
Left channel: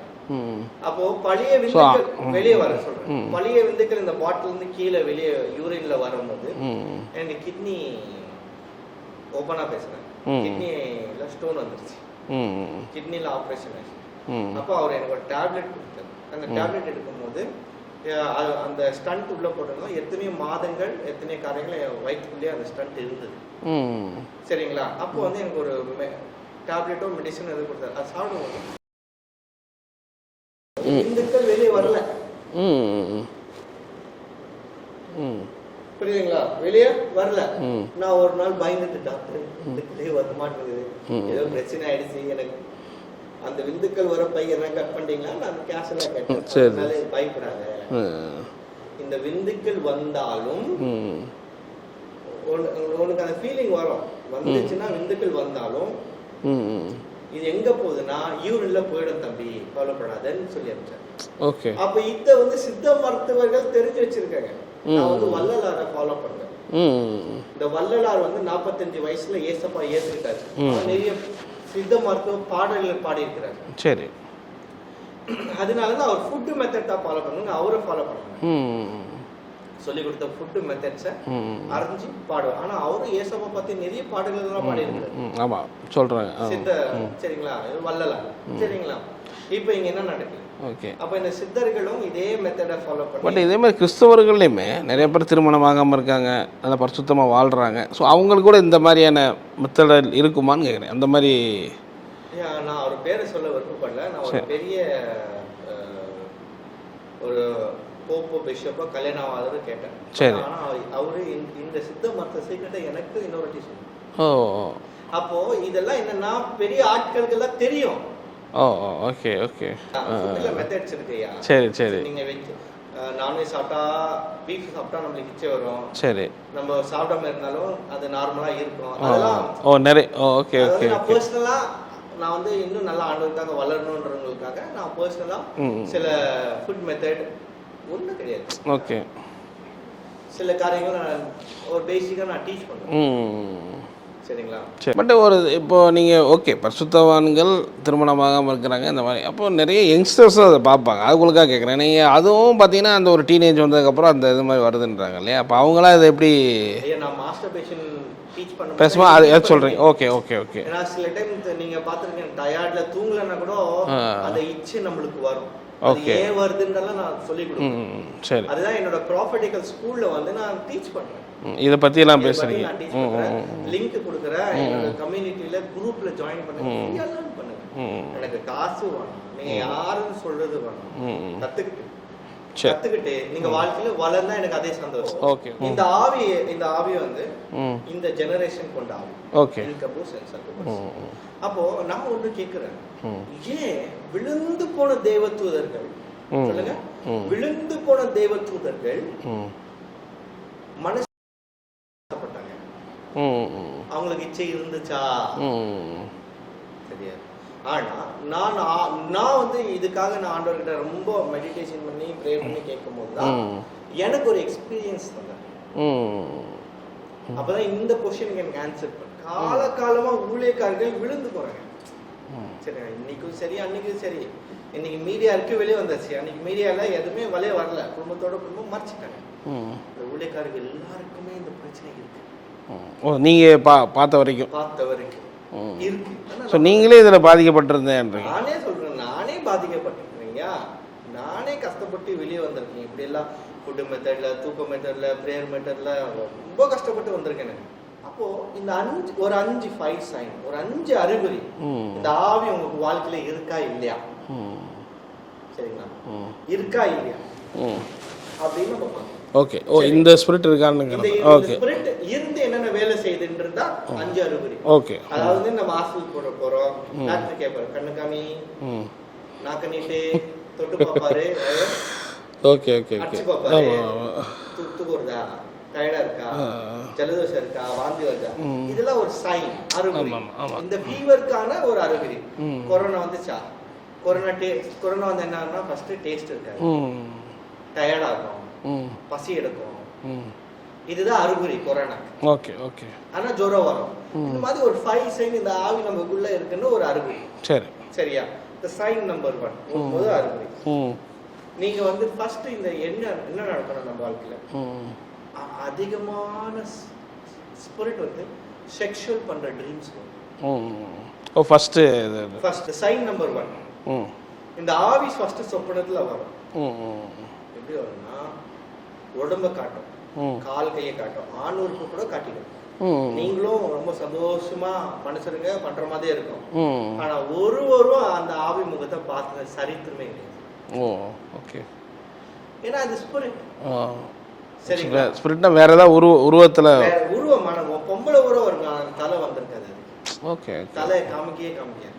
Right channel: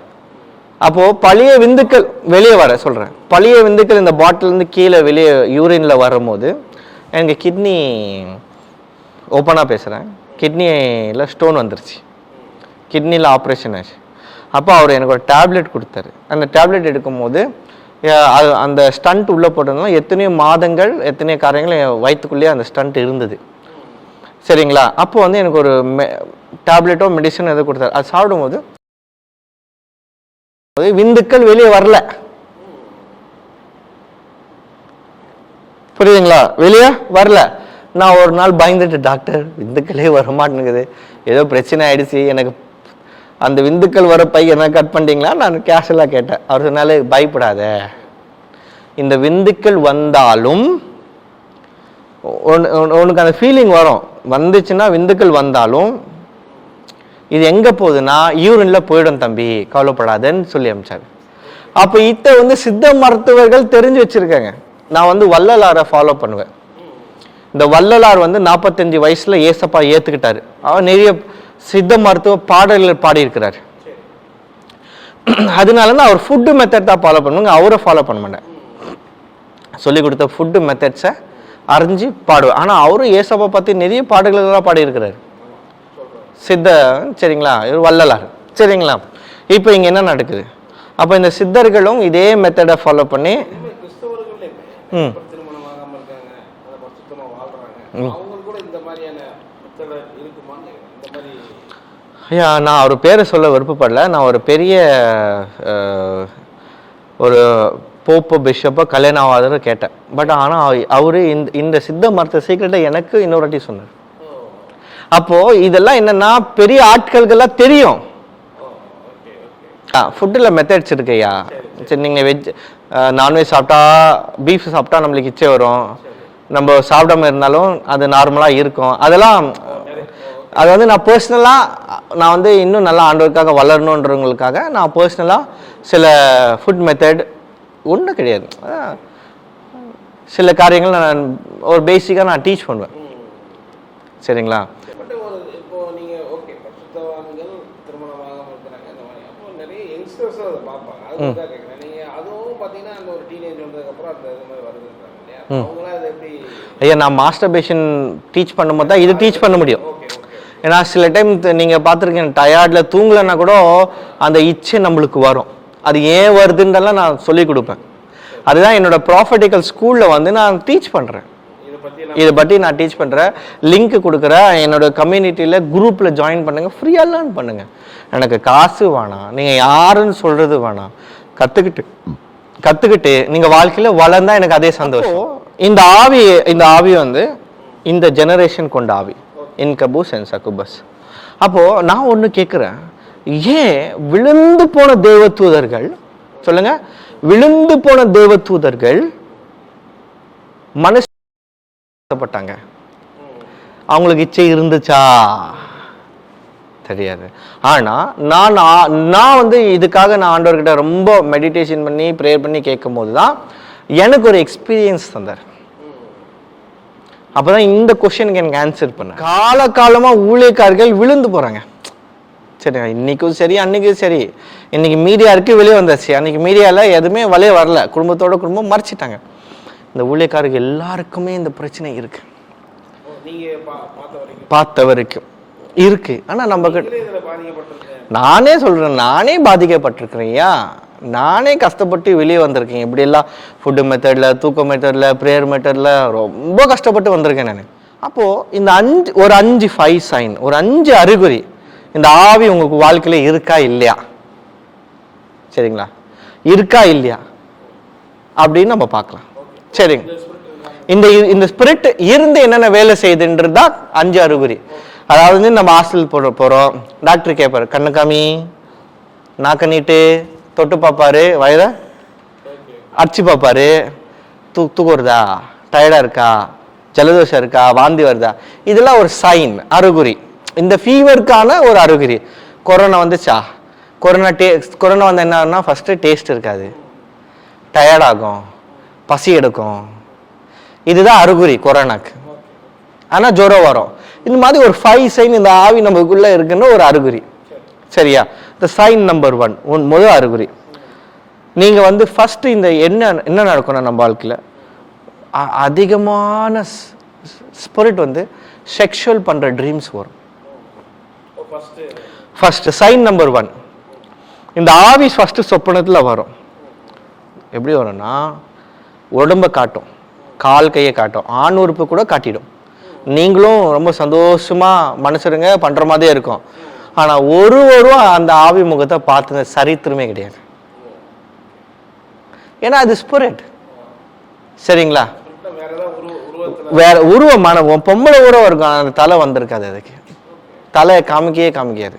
அப்போ பழைய விந்துக்கள் வெளியே வர சொல்றேன். பழைய விந்துக்கள் இந்த பாட்டில் இருந்து கீழே வெளியே யூரின்ல வரும்போது எனக்கு கிட்னி ஓப்பனா பேசுறேன். கிட்னில ஸ்டோன் வந்துருச்சு. ம் கிட்னியில் ஆப்ரேஷன் ஆச்சு. அப்போ அவர் எனக்கு ஒரு டேப்லெட் கொடுத்தாரு. அந்த டேப்லெட் எடுக்கும்போது அது அந்த ஸ்டண்ட் உள்ள போட்டதும் எத்தனையோ மாதங்கள் எத்தனையோ காரியங்கள் என் வயிற்றுக்குள்ளேயே அந்த ஸ்டண்ட் இருந்தது. சரிங்களா? அப்போ வந்து எனக்கு ஒரு டேப்லெட்டோ மெடிசன் எதோ கொடுத்தாரு. அது சாப்பிடும்போது விந்துக்கள் வெளியே வரல. புரியுதுங்களா? வெளியே வரல. நான் ஒரு நாள் பயந்துட்டு டாக்டர் விந்துக்களே வர மாட்டேங்குது ஏதோ பிரச்சனை ஆயிடுச்சு. எனக்கு அந்த விந்துக்கள் வர பை என்ன கட் பண்ணிட்டீங்களா? நான் கேஷுவலாக கேட்டேன். அதனால பயப்படாத. இந்த விந்துக்கள் வந்தாலும் உன- உன- உனக்கு அந்த ஃபீலிங் வரும். வந்துச்சுன்னா விந்துக்கள் வந்தாலும் இது எங்க போகுதுன்னா யூரின்ல போயிடும் தம்பி. கவலைப்படாதன்னு சொல்லி அமிச்சாரு. அப்ப இத்த வந்து சித்த மருத்துவர்கள் தெரிஞ்சு வச்சிருக்காங்க. நான் வந்து வள்ளலாரை ஃபாலோ பண்ணுவேன். இந்த வள்ளலார் வந்து நாற்பத்தஞ்சு வயசுல ஏசப்பா ஏத்துக்கிட்டாரு. அவர் நிறைய சித்த மருத்துவ பாடல்கள் பாடியிருக்கிறார். சரி. அதனால தான் அவர் ஃபுட்டு மெத்தட் தான் ஃபாலோ பண்ணுவாங்க. அவரை ஃபாலோ பண்ண மாட்டேன். சொல்லி கொடுத்த ஃபுட்டு மெத்தட்ஸை அறிஞ்சு பாடுவேன். ஆனா அவரும் ஏசப்பா பத்தி நிறைய பாடல்கள் எல்லாம் பாடியிருக்கிறாரு. ம், ஆமா. சொல்றேன். சித்த சரிங்களா? வள்ளலார். சரிங்களா? இப்போ இங்க என்ன நடக்குது? அப்ப இந்த சித்தர்களும் இதே மெத்தடை ஃபாலோ பண்ணி இதே மாதிரி கிறிஸ்தவர்கள்லையுமே நிறைய பேர் திருமணம் ஆகாம இருக்காங்க நல்லா பரிசுத்தமா வாழ்றாங்க. ஸோ அவங்களுக்கு கூட இந்த மாதிரியான மெத்தட் இருக்குமான்னு கேட்குறேன் அந்த மாதிரி ஐயா நான் அவர் பேரை சொல்ல விருப்பப்படல. நான் ஒரு பெரிய ஒரு போப்பு பிஷப்போ கல்யாணம் ஆகாதன்னு கேட்டேன். பட் ஆனா அவ- அவரு இந்த இந்த சித்த மருத்துவ சீக்கிரட்டை எனக்கு இன்னொரு வாட்டி சொன்னார். ஓ அப்போ இதெல்லாம் என்னன்னா பெரிய ஆட்களுக்கெல்லாம் தெரியும். ஓ ஓகே ஓகே ஃபுட்டில் மெத்தட்ஸ் இருக்குய்யா சரி, சரி. சரி நீங்கள் வெஜ் நான்வெஜ் சாப்பிட்டா பீஃப் சாப்பிட்டா நம்மளுக்கு இச்சை வரும். சரி. நம்ம சாப்பிடாம இருந்தாலும் அது நார்மலா இருக்கும். அதெல்லாம் ஓ நிறைய ஓகே அது வந்து நான் பர்சனலா நான் வந்து இன்னும் நல்லா ஆண்டவருக்காக வளரணுன்றவங்களுக்காக நான் பர்சனலா சில ஃபுட் மெத்தட் ஒன்றும் கிடையாது. ஓகே சில காரியங்கள் நான் ஒரு பேசிக்காக நான் டீச் பண்ணுவேன். சரிங்களா? சரி. பட் ஒரு இப்போ நீங்கள் ஓகே பரிசுத்தவான்கள் திருமணமாகாமல் இருக்கிறாங்க இந்த மாதிரி. அப்போ நிறைய யங்ஸ்டர்ஸும் அதை பார்ப்பாங்க. அவங்களுக்காக கேட்குறேன் நீங்கள் அதுவும் பார்த்தீங்கன்னா அந்த ஒரு டீனேஜ் வந்ததுக்கப்புறம் அந்த இது மாதிரி வருதுன்றாங்க இல்லையா? அப்போ அவங்களாம் இதை எப்படி ஐயா நான் மாஸ்டர்பேஷன் டீச் பண்ணும்போது தான் இது டீச் பண்ண முடியும். ஓகே ஓகே ஓகே ஏன்னா சில டைம் நீங்க பார்த்துருக்கீங்க டயர்ட்ல தூங்கலைன்னா கூட அந்த இச்சை நம்மளுக்கு வரும். அது ஏன் வருதுன்றலாம் நான் சொல்லி கொடுப்பேன். அதுதான் என்னோட ப்ராஃபட்டிக்கல் ஸ்கூல்ல வந்து நான் டீச் பண்றேன். ம், இதை பற்றிலாம் இதை பத்தி நான் டீச் பண்றேன். லிங்க் கொடுக்குறேன் என்னோட கம்யூனிட்டியில குரூப்ல ஜாயின் பண்ணுங்க. ஃப்ரீயா லேர்ன் பண்ணுங்க. எனக்கு காசு வேணாம். நீங்க யாருன்னு சொல்றது வேணாம். கத்துக்கிட்டு. கத்துக்கிட்டு நீங்க வாழ்க்கையில வளர்ந்தா எனக்கு அதே சந்தோஷம். இந்த ஆவி இந்த ஆவி வந்து இந்த ஜெனரேஷன் கொண்ட ஆவி. இன்கபு சென்சகுபஸ் அப்போ நான் ஒண்ணு கேக்குறேன். ஏன் விழுந்து போன தேவதூதர்கள் சொல்லுங்க. விழுந்து போன தேவதூதர்கள் மனுஷப்பட்டாங்க ம். அவங்களுக்கு இச்சை இருந்துச்சா? தெரியாது. ஆனா நான் நான் வந்து இதுக்காக நான் ஆண்டவர்கிட்ட ரொம்ப மெடிடேஷன் பண்ணி ப்ரேயர் பண்ணி கேட்கும் போது தான் எனக்கு ஒரு எக்ஸ்பீரியன்ஸ் தந்தார். அப்பதான் இந்த கொஸ்டினுக்கு எனக்கு ஆன்சர் பண்ண. கால காலமா ஊழியக்காரர்கள் விழுந்து போறாங்க. சரி இன்னைக்கும் சரி அன்னைக்கும் சரி. இன்னைக்கு மீடியா இருக்கு வெளியே வந்தாச்சு. அன்னைக்கு மீடியால எதுவுமே வெளியே வரல. குடும்பத்தோட குடும்பம் மறைச்சிட்டாங்க. இந்த ஊழியக்காரர்கள் எல்லாருக்குமே இந்த பிரச்சனை இருக்கு. ஓ நீங்கள் பா பார்த்த வரைக்கும்? பார்த்த வரைக்கும். இருக்கு. ஆனா நம்ம நீங்களே இதில் பாதிக்கப்பட்டிருந்தேன். நானே சொல்றேன் நானே பாதிக்கப்பட்டிருக்கிறேன் நானே கஷ்டப்பட்டு வெளியே வந்திருக்கேன். இப்படி எல்லாம் ஃபுட்டு மெத்தட்ல தூக்க மெத்தட்ல ப்ரேயர் மெத்தட்ல ரொம்ப கஷ்டப்பட்டு வந்திருக்கேன் நான். அப்போ இந்த அஞ்சு ஒரு அஞ்சு ஃபைவ் சைன் ஒரு அஞ்சு அறிகுறி இந்த ஆவி உங்களுக்கு வாழ்க்கையில இருக்கா இல்லையா? சரிங்களா? இருக்கா இல்லையா? அப்படின்னு நம்ம பார்க்கலாம். ஓகே சரி. இந்த ஸ்பிரிட் இருக்கான்னு. இந்த இந்த ஸ்பிரிட் இருந்து என்னென்ன வேலை செய்யுதுன்றது தான் அஞ்சு அறிகுறி. ஓகே அதாவது நம்ம ஹாஸ்டல் போற போறோம். டாக்டர் கேட்பாரு கண்ணு காமி நாக்க நீட்டு தொட்டு பார்ப்பாரு வயத ஓகே ஓகே அடிச்சு பார்ப்பாரு. தூ தூக்கம் வருதா டயர்டா இருக்கா? ஜலதோஷம் இருக்கா? வாந்தி வருதா? இதெல்லாம் ஒரு சைன் அறிகுறி. இந்த ஃபீவருக்கான ஒரு அறிகுறி. கொரோனா வந்துச்சா? கொரோனா டே கொரோனா வந்து என்ன ஆகும்னா ஃபர்ஸ்ட் டேஸ்ட் இருக்காது. டயர்ட் ஆகும் பசி எடுக்கும். இதுதான் அறிகுறி கொரோனாக்கு. Okay okay. ஆனா ஜுரம் வரும். இந்த மாதிரி ஒரு ஃபைவ் சைன் இந்த ஆவி நமக்குள்ள இருக்குன்னு ஒரு அறிகுறி. சரி. சரியா? இந்த சைன் நம்பர் ஒன் ஒன் முதல் அறிகுறி. ம். நீங்க வந்து ஃபர்ஸ்ட் இந்த என்ன என்ன நடக்கும்னா நம்ம வாழ்க்கையில? அதிகமான ஸ்பிரிட் வந்து செக்ஷுவல் பண்ற ட்ரீம்ஸ் வரும். இது. ஃபர்ஸ்ட் சைன் நம்பர் ஒன் இந்த ஆவி ஃபர்ஸ்ட் சொப்பனத்துல வரும். எப்படி வரும்னா உடம்ப காட்டும். கால் கையை காட்டும். ஆண் உறுப்பு கூட காட்டிடும். நீங்களும் ரொம்ப சந்தோஷமா மனுஷருங்க பண்ற மாதிரியே இருக்கும். ஆனா ஒருவரும் அந்த ஆவி முகத்தை பார்த்த சரித்திரமே கிடையாது. ஏன்னா அது ஸ்பிரிட் சரிங்களா? ஸ்பிரிட்னா வேற ஏதாவது உருவ உருவத்தில்? வேற உருவமான பொம்பளை உருவம் இருக்கும். அந்த தலை வந்திருக்காது அதுக்கு. ஓகே. தலையை காமிக்கவே காமிக்காது.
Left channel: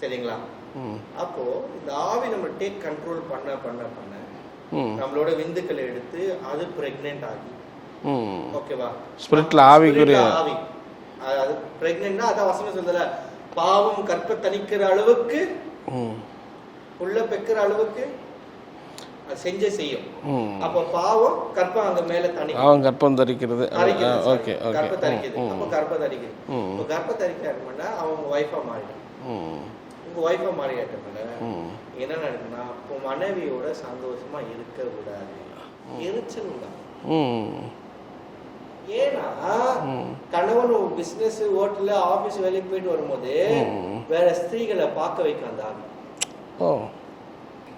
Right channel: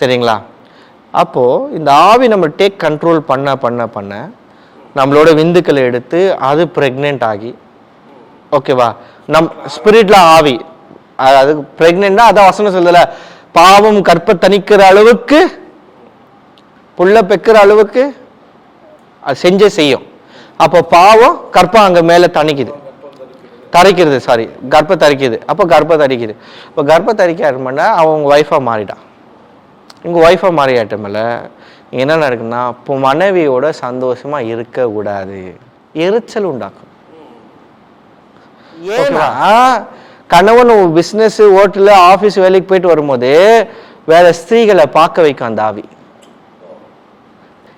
சரிங்களா? அப்போ இந்த ஆவி நம்ம டேக் கண்ட்ரோல் பண்ண பண்ண பண்ண நம்மளோட விந்துக்களை எடுத்து அது பிரெக்னென்ட் ஆகி. ஓகேவா நம் ஸ்பிரிட்ல ஆவி. அது- பிரெக்னென்ட்னா அதான் வசனம் சொல்லல பாவம் கற்ப தணிக்கிற அளவுக்கு புள்ள பெக்கிற அளவுக்கு அது செஞ்சே செய்யும். அப்போ பாவம் கற்பம் அங்க மேல தணிக்குது. கற்பம் தரிக்கிறது. தரிக்கிறது சாரி கர்ப்ப தரிக்குது. அப்போ கர்ப்ப தரிக்குது. இப்போ கர்ப்ப தரிக்க அவன் உங்க ஒய்ஃபா மாறிட்டான் உங்க ஒய்ஃபா மாறியாட்டமில்ல. என்ன நடக்குன்னா இப்போ மனைவியோட சந்தோஷமா இருக்க கூடாது. எரிச்சல் உண்டாக்கும். ஏன்னா கணவன் பிசினஸ் ஹோட்டலு ஆபீஸ் வேலைக்கு போயிட்டு வரும்போது வேற ஸ்திரீகளை பார்க்க வைக்கும் அந்த ஆவி.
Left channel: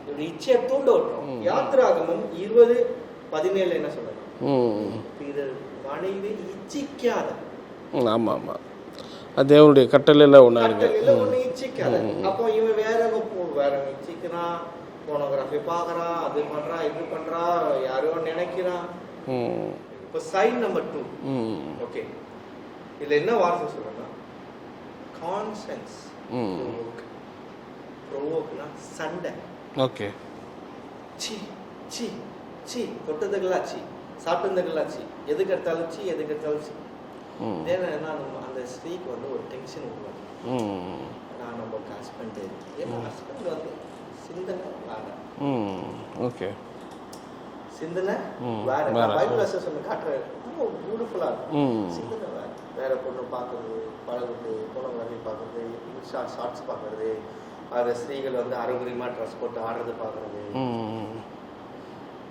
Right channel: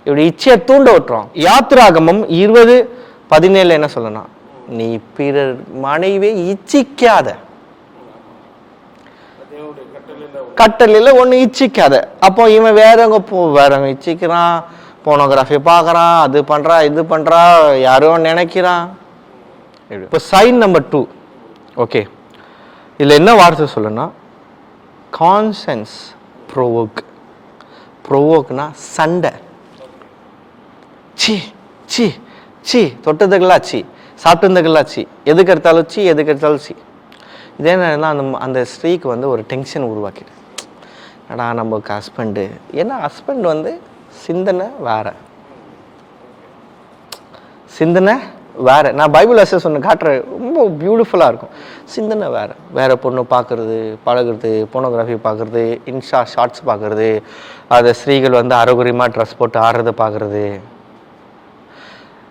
இப்படி இச்சையை தூண்ட விட்டுரும். யாத்ராகமம் இருபது பதினேழுல என்ன சொல்லணும்? நீ பிறர் மனைவியை இச்சிக்காத. ம், ஆமா ஆமா அது தேவனுடைய கட்டளையில் ஒன்று கட்டளையில ஒண்ணு இச்சிக்காத. அப்போ இவன் வேறவங்க போ வேறவங்க இச்சிக்கிறான்? போனோகிராஃபி பார்க்கறான் அது பண்றான் இது பண்றான் யாரோ நினைக்கிறான். இப்போ சைன் நம்பர் டூ ஓகே இதுல என்ன வார்த்தை சொல்லணும்னா கான்சென்ஸ் ப்ரோவோக் ப்ரோவோக்னா சண்டை. ஓகே சி சி சி. தொட்டதுக்கெல்லாம் சி. சாப்பிட்டதுக்கெல்லாம் சி. எதுக்கு எடுத்தாலும் சி எதுக்கு எடுத்தாலும் சி. இதே நேரம் அந்த அந்த ஸ்திரீக்கு வந்து ஒரு டென்ஷன் உருவாக்கிடு ம் ஏன்னா நம்ம ஹஸ்பண்டு ஏன்னா ஹஸ்பண்ட் வந்து சிந்தனை வேற. ஓகே. சிந்தனை வேற. நான் பைபிள் அசஸ் ஒன்று காட்டுறேன் ரொம்ப பியூட்டிஃபுல்லாக இருக்கும். சிந்தனை வேற. வேற பொண்ணு பார்க்கறது பழகுறது போனோகிராஃபி பார்க்கறது இன்ஸ்டா ஷார்ட்ஸ் பார்க்கறது அது ஸ்திரீகள் வந்து அரோகரியமா ட்ரெஸ் போட்டு ஆடுறதை பார்க்கறது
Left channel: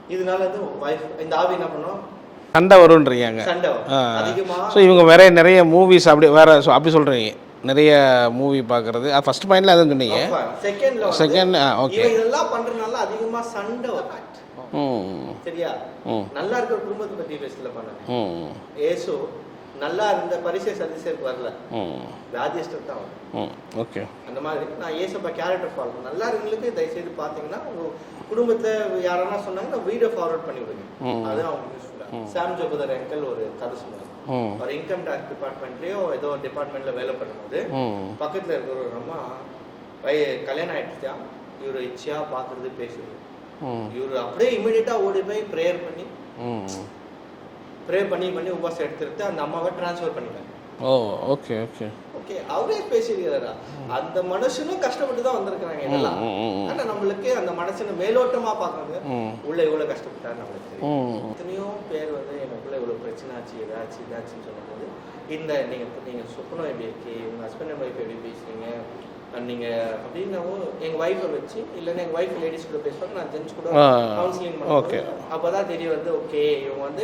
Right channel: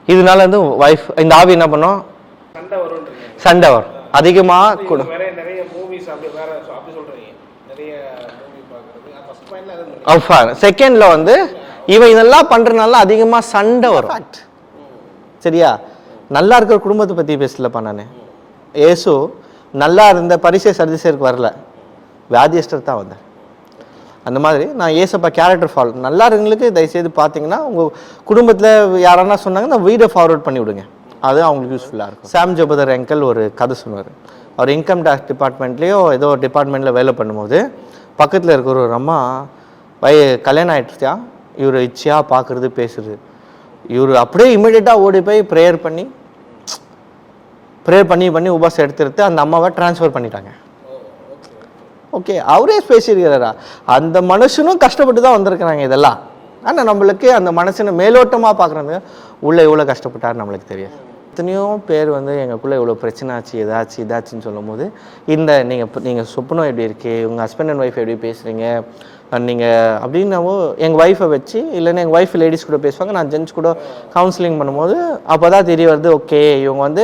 இதனால வந்து ஒய்ஃப் இந்த ஆவி என்ன பண்ணும்? சண்டை வரும்ன்றீங்க சண்டை வரும். அதிகமா So, இவங்க வேற நிறைய மூவிஸ் அப்படி வேற so, அப்படி சொல்றீங்க. நிறைய மூவி பார்க்கறது. ஃபர்ஸ்ட் பாயிண்ட்ல அதான் சொன்னீங்க. செகண்ட்ல வந்து. இவன் இதெல்லாம் பண்றதுனால அதிகமா சண்டை வரும். ம். சரியா? நல்லா இருக்கிற குடும்பத்தை பத்தி பேசலப்பா நானு. ம். ஏசு நல்லா இருந்த பரிசை சர்திசருக்கு வரல. ம். வியாதியஸ்டர் தான் வந்தேன். ஓகே அந்த மாதிரி நான் ஏசப்பா கேரக்டர் ஃபாலோ நல்லா இருக்கவங்களுக்கு தயவுசெய்து பார்த்தீங்கன்னா உங்க குடும்பத்துல யாரானா சொன்னாங்கன்னா வீடியோ ஃபார்வர்ட் பண்ணி விடுங்க. அது அவங்களுக்கு யூஸ்ஃபுல்லா இருக்கும். சாம் ஜோபதர் அங்கிள் ஒரு கதை சொன்னார் அவர் இன்கம் டேக்ஸ் டிபார்ட்மெண்ட்லயோ ஏதோ ஒரு டிபார்ட்மெண்ட்ல வேலை பண்ணும்போது பக்கத்துல இருக்கிற ஒரு அம்மா வய கல்யாணம் ஆயிடுச்சா இவர் இச்சையா பார்க்கறது பேசுறது? இவர் அப்படியே இமிடியட்டா ஓடி போய் ப்ரேயர் பண்ணி ப்ரேயர் பண்ணி பண்ணி உபாசம் எடுத்து எடுத்து அந்த அம்மாவை ட்ரான்ஸ்ஃபர் பண்ணிட்டாங்க. ஓகே ஓகே ஓகே அவரே பேசியிருக்கிறாரா? அந்த மனுஷனும் கஷ்டப்பட்டு தான் வந்திருக்கிறாங்க இதெல்லாம். ஆனா நம்மளுக்கு அந்த மனுஷனை மேலோட்டமா பாக்குறாங்க உள்ள எவ்வளவு கஷ்டப்பட்டாரு நம்மளுக்கு தெரியும். எத்தனையோ பேர் வந்து எங்களுக்குள்ள இவ்வளவு பிரச்சனை ஆச்சு ஏதாச்சும் இதாச்சுன்னு சொல்லும் போது இந்த நீங்க நீங்க சொப்பனம் எப்படி இருக்கு? உங்க ஹஸ்பண்ட் அண்ட் ஒய்ஃப் எப்படி பேசுறீங்க? நீங்க அப்படின்னாவோ எங்க ஒய்ஃபை வச்சு இல்லைன்னா எங்க ஒய்ஃப் லேடிஸ் கூட பேசுவாங்க நான் ஜென்ஸ் கூட கவுன்சிலிங் பண்ணும்போது அப்பதான் தெரிய வருது ஓகே இவங்க வந்து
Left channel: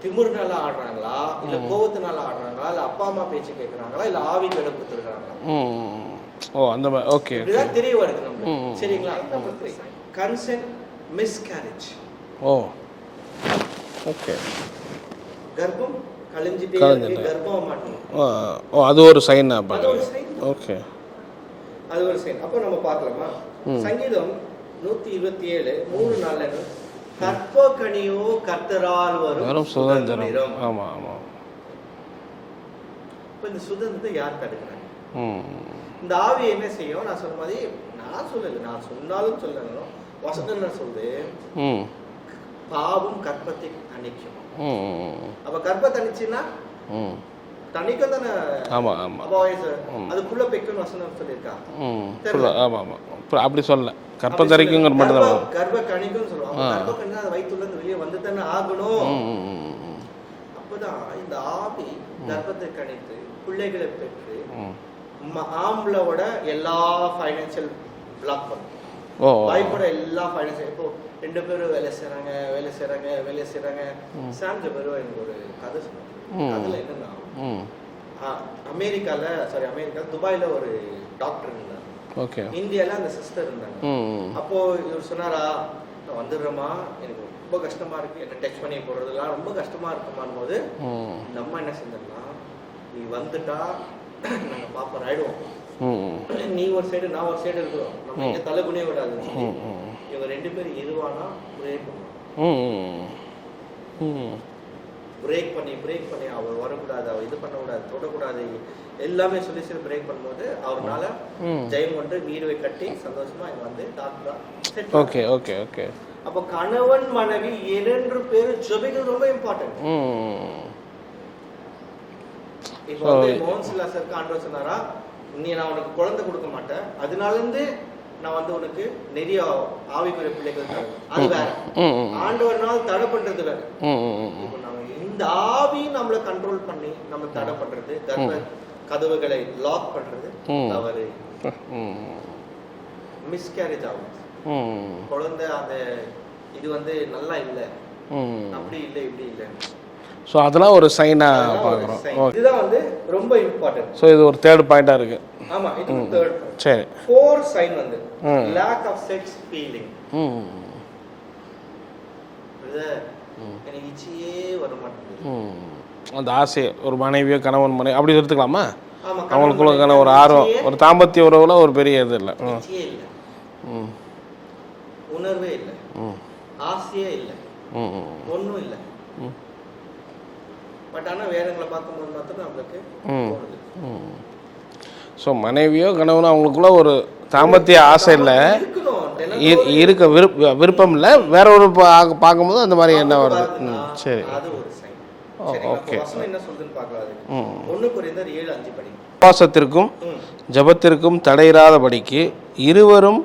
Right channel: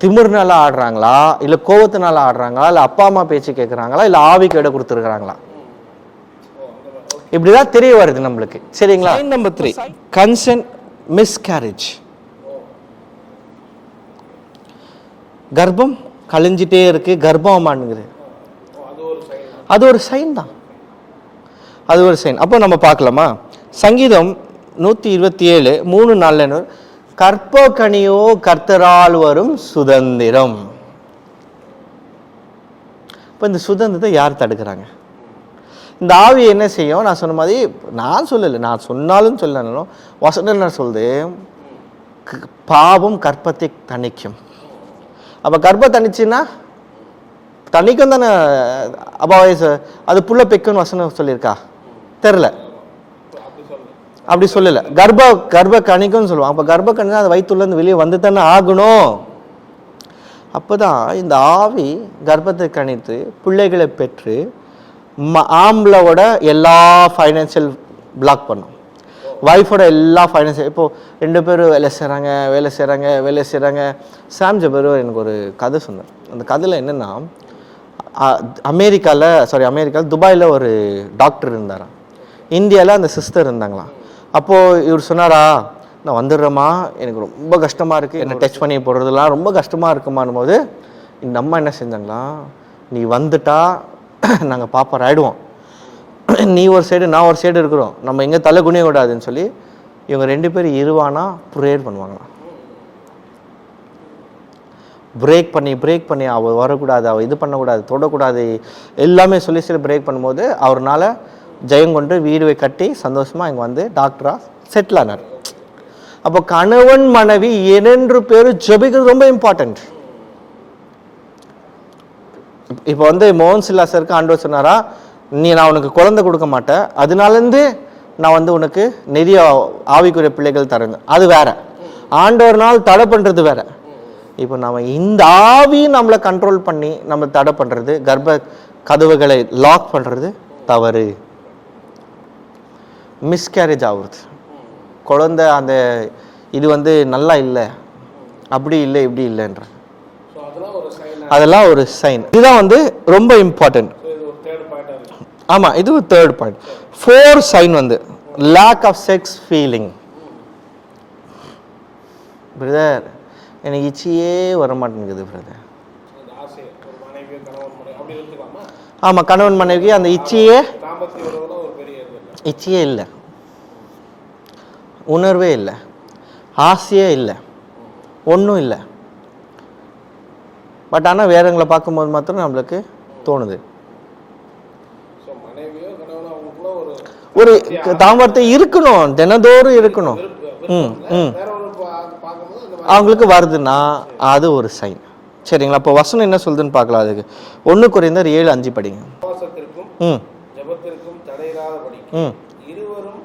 திமிர்னால ஆடுறாங்களா? இல்ல கோவத்தினால ஆடுறாங்களா? இல்ல அப்பா அம்மா பேச்சு கேக்குறாங்களா? இல்ல ஆவிக்கு இடம் கொடுத்துருக்காங்களா ம் ஓ அந்த மாதிரி ஓகே. இப்படிதான் தெரிய வருது நம்மளுக்கு. சரிங்களா? Number three consent miscarriage oh. Okay. கர்ப்பம் கழிஞ்சிட்டே இருக்கு. கர்ப்பமானுங்குது அது ஒரு சைன் அது ஒரு சைன் தான். ஓகே. அது ஒரு சைன் அப்போ நம்ம பார்க்கலாமா? சங்கீதம் நூற்றி இருபத்தி ஏழு மூணு நாள்ல கற்பகனியோ கர்த்தரால் வரும் சுதந்திரம். இப்போ இந்த சுதந்திரத்தை யார் தடுக்கிறாங்க? இந்த ஆவி என்ன செய்யும்? நான் சொன்ன மாதிரி நான் சொல்லலை நான் சொன்னாலும் சொல்லனாலும் வசனம் என்ன சொல்லுது? பாவம் கற்பத்தை தணிக்கும். அப்ப கர்ப்பம் தணிச்சுன்னா ம். தணிக்கும் தானே? அப்ப வயசு அது புள்ள பெக்குன்னு வசனம் சொல்லியிருக்கா? அப்புறம் அப்படி சொல்லல. அப்படி சொல்லல. கர்ப்ப கர்ப்ப கணிக்கும்னு சொல்லுவாங்க அப்ப கர்ப்ப கணினா அது வயிற்றுல இருந்து வெளியே வந்து தானே ஆகணும் அப்பதான் இந்த ஆவி கர்ப்பத்தை கணித்து பிள்ளைகளை பெற்று ஆம்பளோட எல்லா ஃபைனான்சியல் பிளாக் பண்ணும். ஒய்ஃபோட எல்லா ஃபைனான்சியல் இப்போ ரெண்டு பேரும் வேலை செய்கிறாங்க வேலை செய்கிறாங்க வேலை செய்கிறாங்க சாம் ஜபர் எனக்கு ஒரு கதை சொன்னேன் அந்த கதையில் என்னன்னா அமெரிக்காவில் சாரி அமெரிக்காவில் துபாயில் ஒரு டாக்டர் இருந்தாராம். இந்தியாவில் அந்த சிஸ்டர் இருந்தாங்களாம். ம் அப்போ இவர் சொன்னாரா நான் வந்துடுறேம்மா எனக்கு ரொம்ப கஷ்டமா இருக்கு என்ன டச் பண்ணி போடுறதுலாம் ரொம்ப கஷ்டமா இருக்குமான் போது இந்த அம்மா என்ன செஞ்சாங்களா நீ வந்துட்டா நாங்க பாப்பர் ஆயிடுவோம் நீ ஒரு சைடு நான் ஒரு சைடு இருக்கிறோம். நம்ம எங்க தலை குனிய விடாதுன்னு சொல்லி இவங்க ரெண்டு பேரும் இருவானா ப்ரேயர் பண்ணுவாங்களாம். பிரேக் பண்ணி பிரேக் பண்ணி அவ வரக்கூடாது அவ இது பண்ணக்கூடாது தொடக்கூடாது எல்லாமே சொல்லி சொல்லி பிரேக் பண்ணும்போது அவர்னால ஜெயம் கொண்டு வீடு கட்டி சந்தோஷமா இங்க வந்து டாக்டரா செட்டில் ஆனார். ஓகே ஓகே அப்போ கணவன் மனைவி இரண்டு பேரும் ஜெபிக்கிறது ரொம்ப இம்பார்ட்டன்ட் இப்போ வந்து மோகன் சில்லாசருக்கு ஆண்டவர் சொன்னாரா நீ நான் உனக்கு குழந்தை கொடுக்க மாட்டேன். அதனாலேருந்து நான் வந்து உனக்கு நிறைய ஆவிக்குரிய பிள்ளைகள் தரேன். அது வேற. ஆண்டவர்னால் தடை பண்றது வேற. இப்போ நம்ம இந்த ஆவி நம்மளை கண்ட்ரோல் பண்ணி நம்ம தடை பண்றது கர்ப்ப கதவுகளை லாக் பண்றது தவறு. மிஸ்கேரேஜ் ஆகுறது. குழந்தை அந்த இது வந்து நல்லா இல்லை. அப்படி இல்லை இப்படி இல்லைன்றது ஸோ அதெல்லாம் ஒரு சைனாக அதெல்லாம் ஒரு சைன் இதுதான் வந்து ரொம்ப இம்பார்ட்டன்ட் ஸோ இது ஒரு தேர்ட் பாயிண்டாக இருக்கு. ஆமா இது ஒரு தேர்ட் பாயிண்ட் சரி. ஃபோர் சைன் வந்து lack of sex feeling brother எனக்கு இச்சியே வர மாட்டேங்குது brother. அந்த ஆசை ஒரு மனைவியோ கணவன் மனைவி அப்படி எடுத்துக்கலாமா? ஆமா கணவன் மனைவி அந்த இச்சியே ஒரு தாம்பத்திய உறவுல ஒரு பெரிய இது இல்லை. இச்சியே இல்லை. உணர்வே இல்லை. ஆசையே இல்லை. ஒன்றும் இல்லை. பட் ஆனா வேறவங்களை பார்க்கும்போது மாத்திரம் நம்மளுக்கு தோணுது. ஸோ மனைவியோ கணவனோ அவங்களுக்குள்ள ஒரு தாம்பத்திய ஆசை தாமத்தை இருக்கணும் தினந்தோறும் இருக்கு இருக்கணும். விருப்ப- விருப்பம் இல்ல. வேற ஒரு பார்க்கும்போது அந்த மாதிரி அவங்களுக்கு வருதுன்னா அது ஒரு சைன் சரிங்களா? அப்போ வசனம் என்ன சொல்லுதுன்னு பார்க்கலாம் அதுக்கு. ஒண்ணு குறைந்தர் ஏழு அஞ்சு படிங்க. உபவாசத்திற்கும் ஜபத்திற்கும் தடையிராதபடிக்கு இருவரும்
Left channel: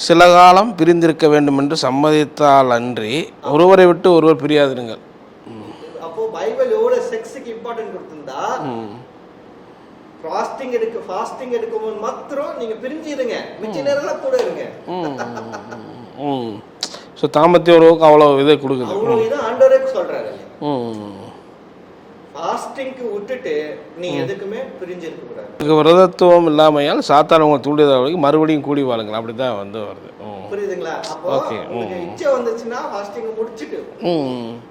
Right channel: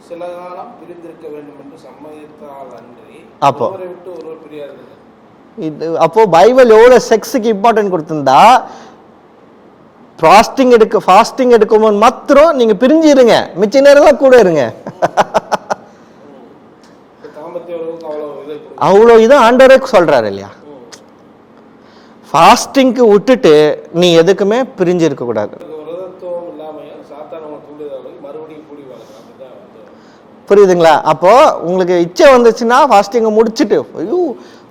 சில காலம் பிரிந்திருக்க வேண்டும் என்று சம்மதித்தால் அன்றி ஒருவரை விட்டு ஒருவர் பிரியாதிருங்கள். அப்போ பைபிள் எவ்வளவு செக்ஸுக்கு இம்பார்ட்டன்ட் கொடுத்திருந்தா ஃபாஸ்டிங் எடுக்க ஃபாஸ்டிங் எடுக்கும்போது மாத்திரம் நீங்க பிரிஞ்சு இருங்க மிச்ச நேரம் கூட இருங்க. ஸோ தாம்பத்திய உறவுக்கு அவ்வளோ இதை கொடுக்கும் அவ்வளோ இது ஆண்டரே சொல்றாரு இல்லையா? ஃபாஸ்டிங்க்கு விட்டுட்டு நீ எதுக்குமே பிரிஞ்சு இருக்க கூடாது. இதுக்கு விரதத்துவம் இல்லாமையால் சாத்தான் உங்களை தூண்டியதாக மறுபடியும் கூடி வாழுங்கள். அப்படி தான் வந்து. புரியுதுங்களா? அப்போ உங்களுக்கு இச்சை வந்துச்சுன்னா ஃபாஸ்டிங்கை முடிச்சிட்டு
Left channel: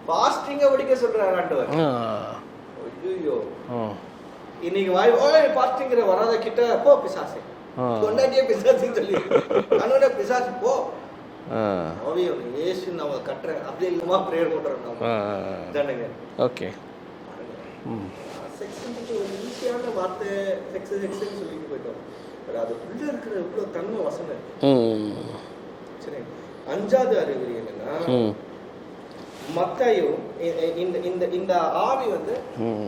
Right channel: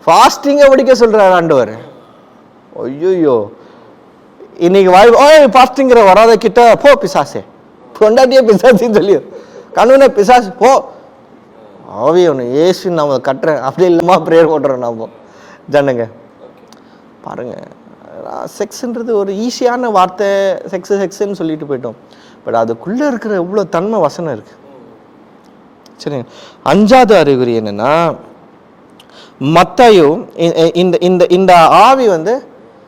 ஃபாஸ்டிங்கை முடிக்க சொல்றாரு ஆண்டவர். ஐயோ. இன்னைக்கு வாய் ஓய் ஃபாஸ்டிங்கிற வராத கிட்ட போ பிசாசே. கொண்டாட்டியே பிசாசின்னு சொல்லி கண்ணுனே பிசாசு போ. ஆவி ஒன்று ஏசு நம்ம கட்டுறேன். அப்படி இல்லாம ப்ரேயர் போடுறோம் நாம ஜனங்க. ஓகே. பாருங்க. செக்ஸ்ன்றது ஒரு ஈஸியான வார்த்தை செக்ஸ் செக்ஸ்ன்னு சொல்லிட்டு போயிட்டோம். பட் அதுக்குள்ள இருக்கிற இவ்வளோ தன்மை வசனம் இருக்கு. சரிங்க அஞ்சாவது அறிகுறி என்னன்னா மத்தாயும் இந்த இந்த இந்த ஆவி வந்து ம்.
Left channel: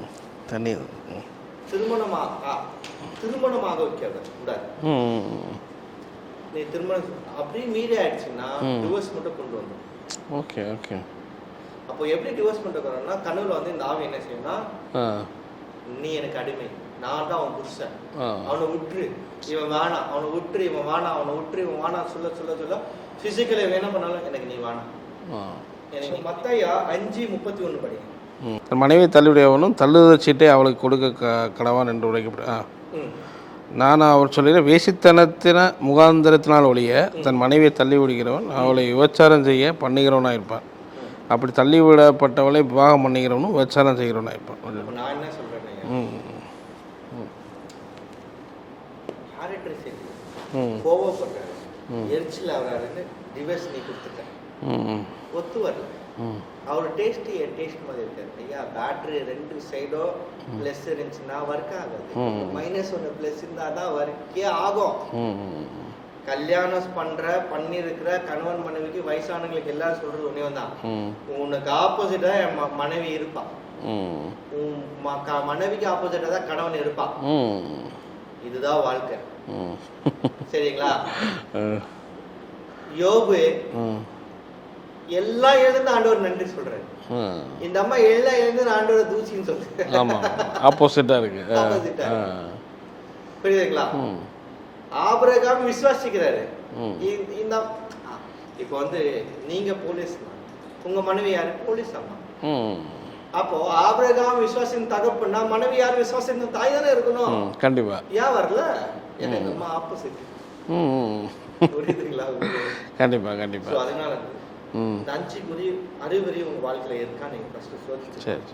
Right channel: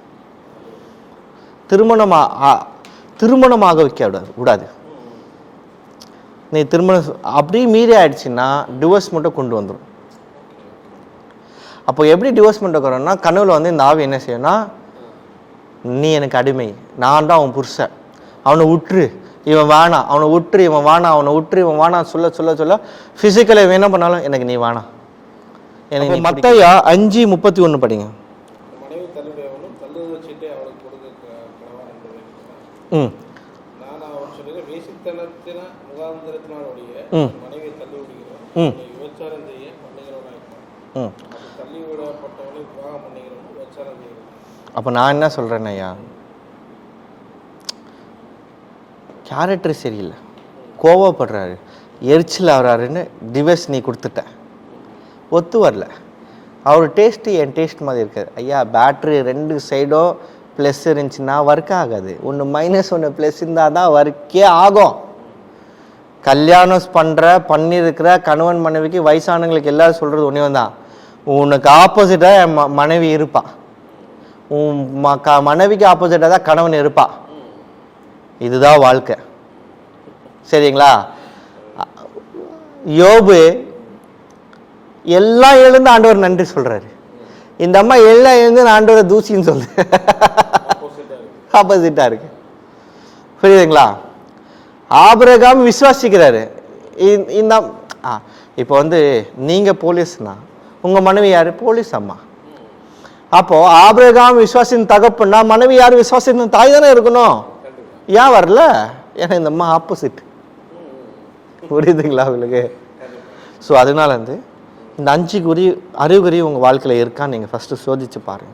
தண்ணீர் திருமணமா ஆ- திருமணமாக வைக்க விடாது விடாது. நீ திருமணம் அப்படியே மீறி ஆயிடுச்சுன்னா டிவோர்ஸ் மட்டும் கொண்டு வந்துடும் ஓகே ஓகே. அப்போ எப்படி டிவோர்ஸ் வரோம்னா கனவுல வந்து இந்த ஆவி என்ன செய்யும்னா ஆ. நீ எனக்கு அடிமை நான் தான் அவன் புருஷன். அவனை விட்டுரு இவன் வேணாம் அவனை விட்டுரு இவன் வேணாம் அவனை விட்டுரு இவன் வேணாம் சொல்ல சொல்ல சொல்ல ஃபிசிக்கலை என்ன பண்ணாலும் எனக்கு நீ வேணாம் எனக்கு மத்தையா அஞ்சு முப்பத்தி ஒன்று படிங்க. தன் மனைவியை தள்ளிவிடையவனும் தள்ளுதல் சீட்டை அவளுக்கு கொடுக்க க- கடவான் என்று உரைக்கப்படு ஆ. ம். நான் அவர் சொல்லிற வேசித்தனத்தின முகாந்திரத்தினால் ஒழிய தன் மனைவியை தள்ளி விடுகிறவன் அவளை விபச்சாரம் செய்ய பண்ணுகிறவனா இருப்பான். அப்படி தள்ளி விடப்பட்டவளை விவாகம் பண்ணுகிறவனும் விபச்சாரம் செய்கிறவனா இருப்பான். அப்போ நான் என்ன சொல்கிறேன் ஐயா? கேரக்டர் சரியில்லை. கோவப்படுறாரு. எரிச்சல் ஆகிறாருன்னு டிவைஸ் நீ கொடுத்துட்ட. ம். ஒத்து வரல. அவர் டேஸ்ட்டு என் டேஸ்ட் மாதிரி இருக்காது ஐயா பேட்ரி ரெண்டு சைடும் ப்ளஸ் இருந்துச்சுன்னா ஒர்க் ஆகாது. ஒன்று மைனஸ் ஒன்று ப்ளஸ் இருந்தால் தான் ஒர்க்கே ஆகும். கல்யாணம் பண்ணுற பண்ணியிருக்கிற கணவன் மனைவிக்கு வயசானவங்களுக்கு எல்லாரும் சொல்கிறது ஒன்றே தான் உனக்கு ஆப்போசிட்டாக என் மனைவி இருப்பா. உன் மனைவிக்கு ஆப்போசிட்டாக தான் கணவன் இருப்பா. இதுதான் வாழ்க்கை. சரிங்களா? யோபு எல்லாம் எழுந்து ஆண்டவர் நன்றி சொல்றாரு. இந்த அம்மா எல்லாம் எழுந்து ஆண்டவரை தூசின்னு சொல்லு இருக்கு. ஆப்போசிட்டா இருக்கு. புரியுதுங்களா? ஆபிரகாம் விசுவாசிக்கிறாரு. இந்த- இப்போ வந்து நீங்க போலீஸ்னா உங்க மனைவி யாரு? போலீஸ் அம்மா. அப்போ ஆபிரகாம் விசுவாசின் தகப்புன்னா மனைவி யார்? விசுவாசின் தாய் தானே இருக்கணும். கண்டிப்பா. ஏன் வரல? ஏன்னா இந்த அம்மா ஆப்போசிட். புரியுதுங்களா உங்களுக்கு? கண்டிப்பா கண்டிப்பா. ஸோ அதனால வந்து இந்த அஞ்சு குறி அறிகுறி உங்க வாழ்க்கையில இருக்கான்னு நீங்க ஃபர்ஸ்ட் சோதிச்சு பாருங்க.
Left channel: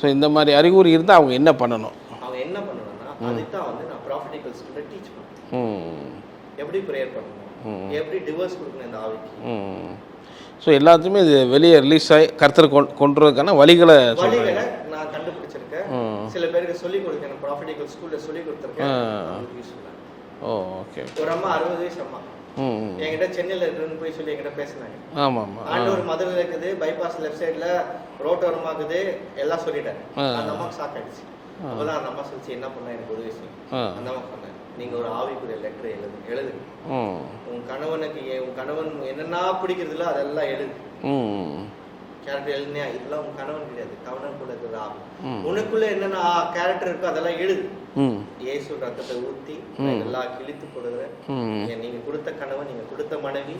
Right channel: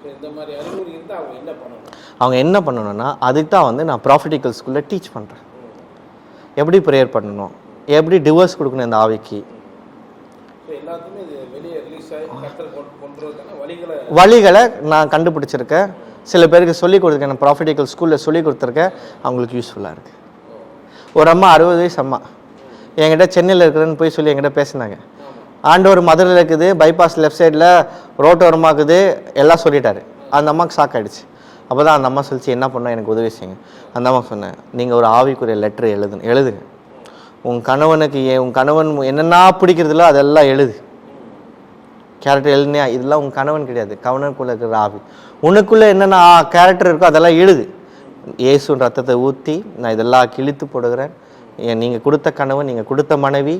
ஸோ இந்த மாதிரி அறிகுறி இருந்தால் அவங்க என்ன பண்ணணும்? அவங்க என்ன பண்ணணும்னா அதுக்கு தான் வந்து நான் ப்ராஃபிட்டிக்கல் ஸ்கூல்ல டீச் பண்றேன். ம். எப்படி ப்ரேயர் பண்ணணும்? எப்படி டிவோர்ஸ் கொடுக்கணும் இந்த ஆவிக்கு? ஸோ எல்லாத்தையுமே இது வெளியே ரிலீஸ் ஆகி கருத்தர் கொண்டு கொண்டுறதுக்கான வழிகளை வழிகளை நான் கண்டுபிடிச்சிருக்கேன். சில பேருக்கு சொல்லி கொடுத்துருக்கேன் ப்ராஃபிட்டிக்கல் ஸ்கூல்ல சொல்லி கொடுத்துருக்கேன். அவங்களுக்கு யூஸ்ஃபுல்லா இருக்கு. ஓ ஓகே ஒரு அம்மா அறுபது வயசு அம்மா. என்கிட்ட சென்னையில் இருக்கிறேன்னு போய் சொல்லி என்கிட்ட பேசினாங்க. ஆண்டவர் மதுரையில் இருக்குது பைபாஸ் லெஃப்ட் சைடில் ரோட்டோரமாக இருக்குது எல்லாம் சொல்லிட்டாரு. அந்த அம்மாவுக்கு ஷாக் ஆயிடுச்சு. அப்பதான் அந்த அம்மா சொல்லிச்சு என்ன பண்ணா எனக்கு உதவி செய்யுங்க. அந்த அம்மா சொன்னேன் நீங்கள் ஒரு ஆவிக்குரிய லெட்டர் எழுதுங்க எழுதுங்க. உன் கணவனுக்கு உன் கணவன் என்னென்ன பிடிக்கிறதுல அதெல்லாம் எழுது. கேரக்டர் எழுதினியா? இதெல்லாம் உன் கணவன் கிடையாது. கணவனுக்குள்ள இருக்கிற ஆவி. உனக்குள்ள என்னென்ன கேரக்டர் இருக்கோ அதெல்லாம் எழுது. இயேசுன் ரத்தத்தை ஊத்தி நான் இதெல்லாம் கிழித்து போடுகிறேன். ஏன் நீங்க கொடுத்த கணவன் நீங்க கொடுத்த மனைவி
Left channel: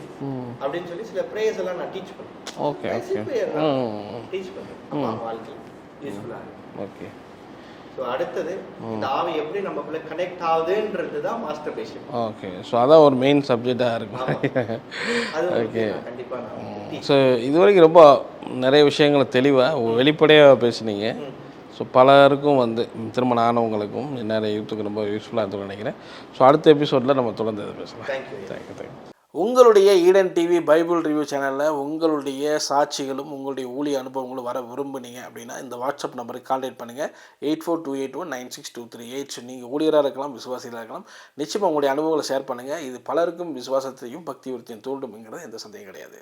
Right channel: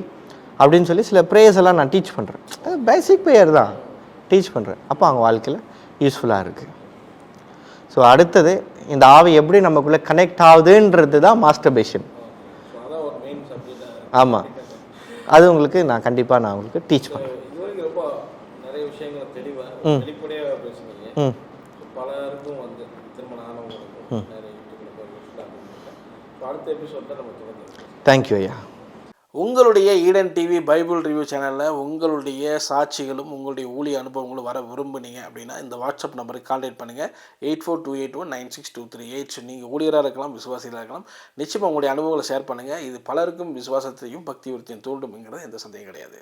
அப்படின்னு சொல்லி சில ப்ரேயர்ஸ் எல்லாம் நான் டீச் பண்றேன். பேசிக் ப்ரேயர் தான். டீச் பண்றேன். அப்போ அவங்க வாழ்க்கையில யூஸ்ஃபுல்லா இருக்கு. ஓகே ஸோ அடுத்தது இந்த ஆவி எப்படி நமக்குள்ள கனெக்ட் ஆகுதுன்றது தான் மாஸ்டர்பேஷன் ஓகே ஸோ அதான் ஒரு மெயின் சப்ஜெக்டாக இருக்கு. ஆமா. அது உங்களுக்கு நான் கண்டிப்பா நான் உங்களுக்கு டீச் ஸோ இது வரைக்கும் ரொம்ப நிறைய விஷயங்களை தெளிவாக வெளிப்படையாக பேசுனீங்க. ஸோ பலருக்கும் வந்து திருமணம் ஆனவங்களுக்கும் நிறைய யூத்துக்கு ரொம்ப யூஸ்ஃபுல்லாக இருக்கும்னு நினைக்கிறேன். ஸோ அடுத்த எபிசோடில் நம்ம தொடர்ந்து பேசலாம். தேங்க்யூ ஐயா. உங்களுடைய ஈடன் டிவி பைபிள் ரிவ்யூ சேனலில் உங்களுடைய சாட்சிகளும் உங்களுடைய ஊழிய அனுபவங்களும் வர விரும்புனீங்க அப்படின்னா இந்த வாட்ஸ்அப் நம்பருக்கு கான்டாக்ட் பண்ணுங்கள் eight four two eight one nine six two three eight நீங்கள் ஊழியராக இருக்கலாம் விசுவாசிகளாக இருக்கலாம். நிச்சயமாக உங்களுடைய அனுபவங்களை ஷேர் பண்ணுங்கள் இது பலருக்கும் விசுவாசத்தையும் பக்தி விருத்தியும் தூண்டும்ங்கிறது எந்த சந்தேகம் கிடையாது.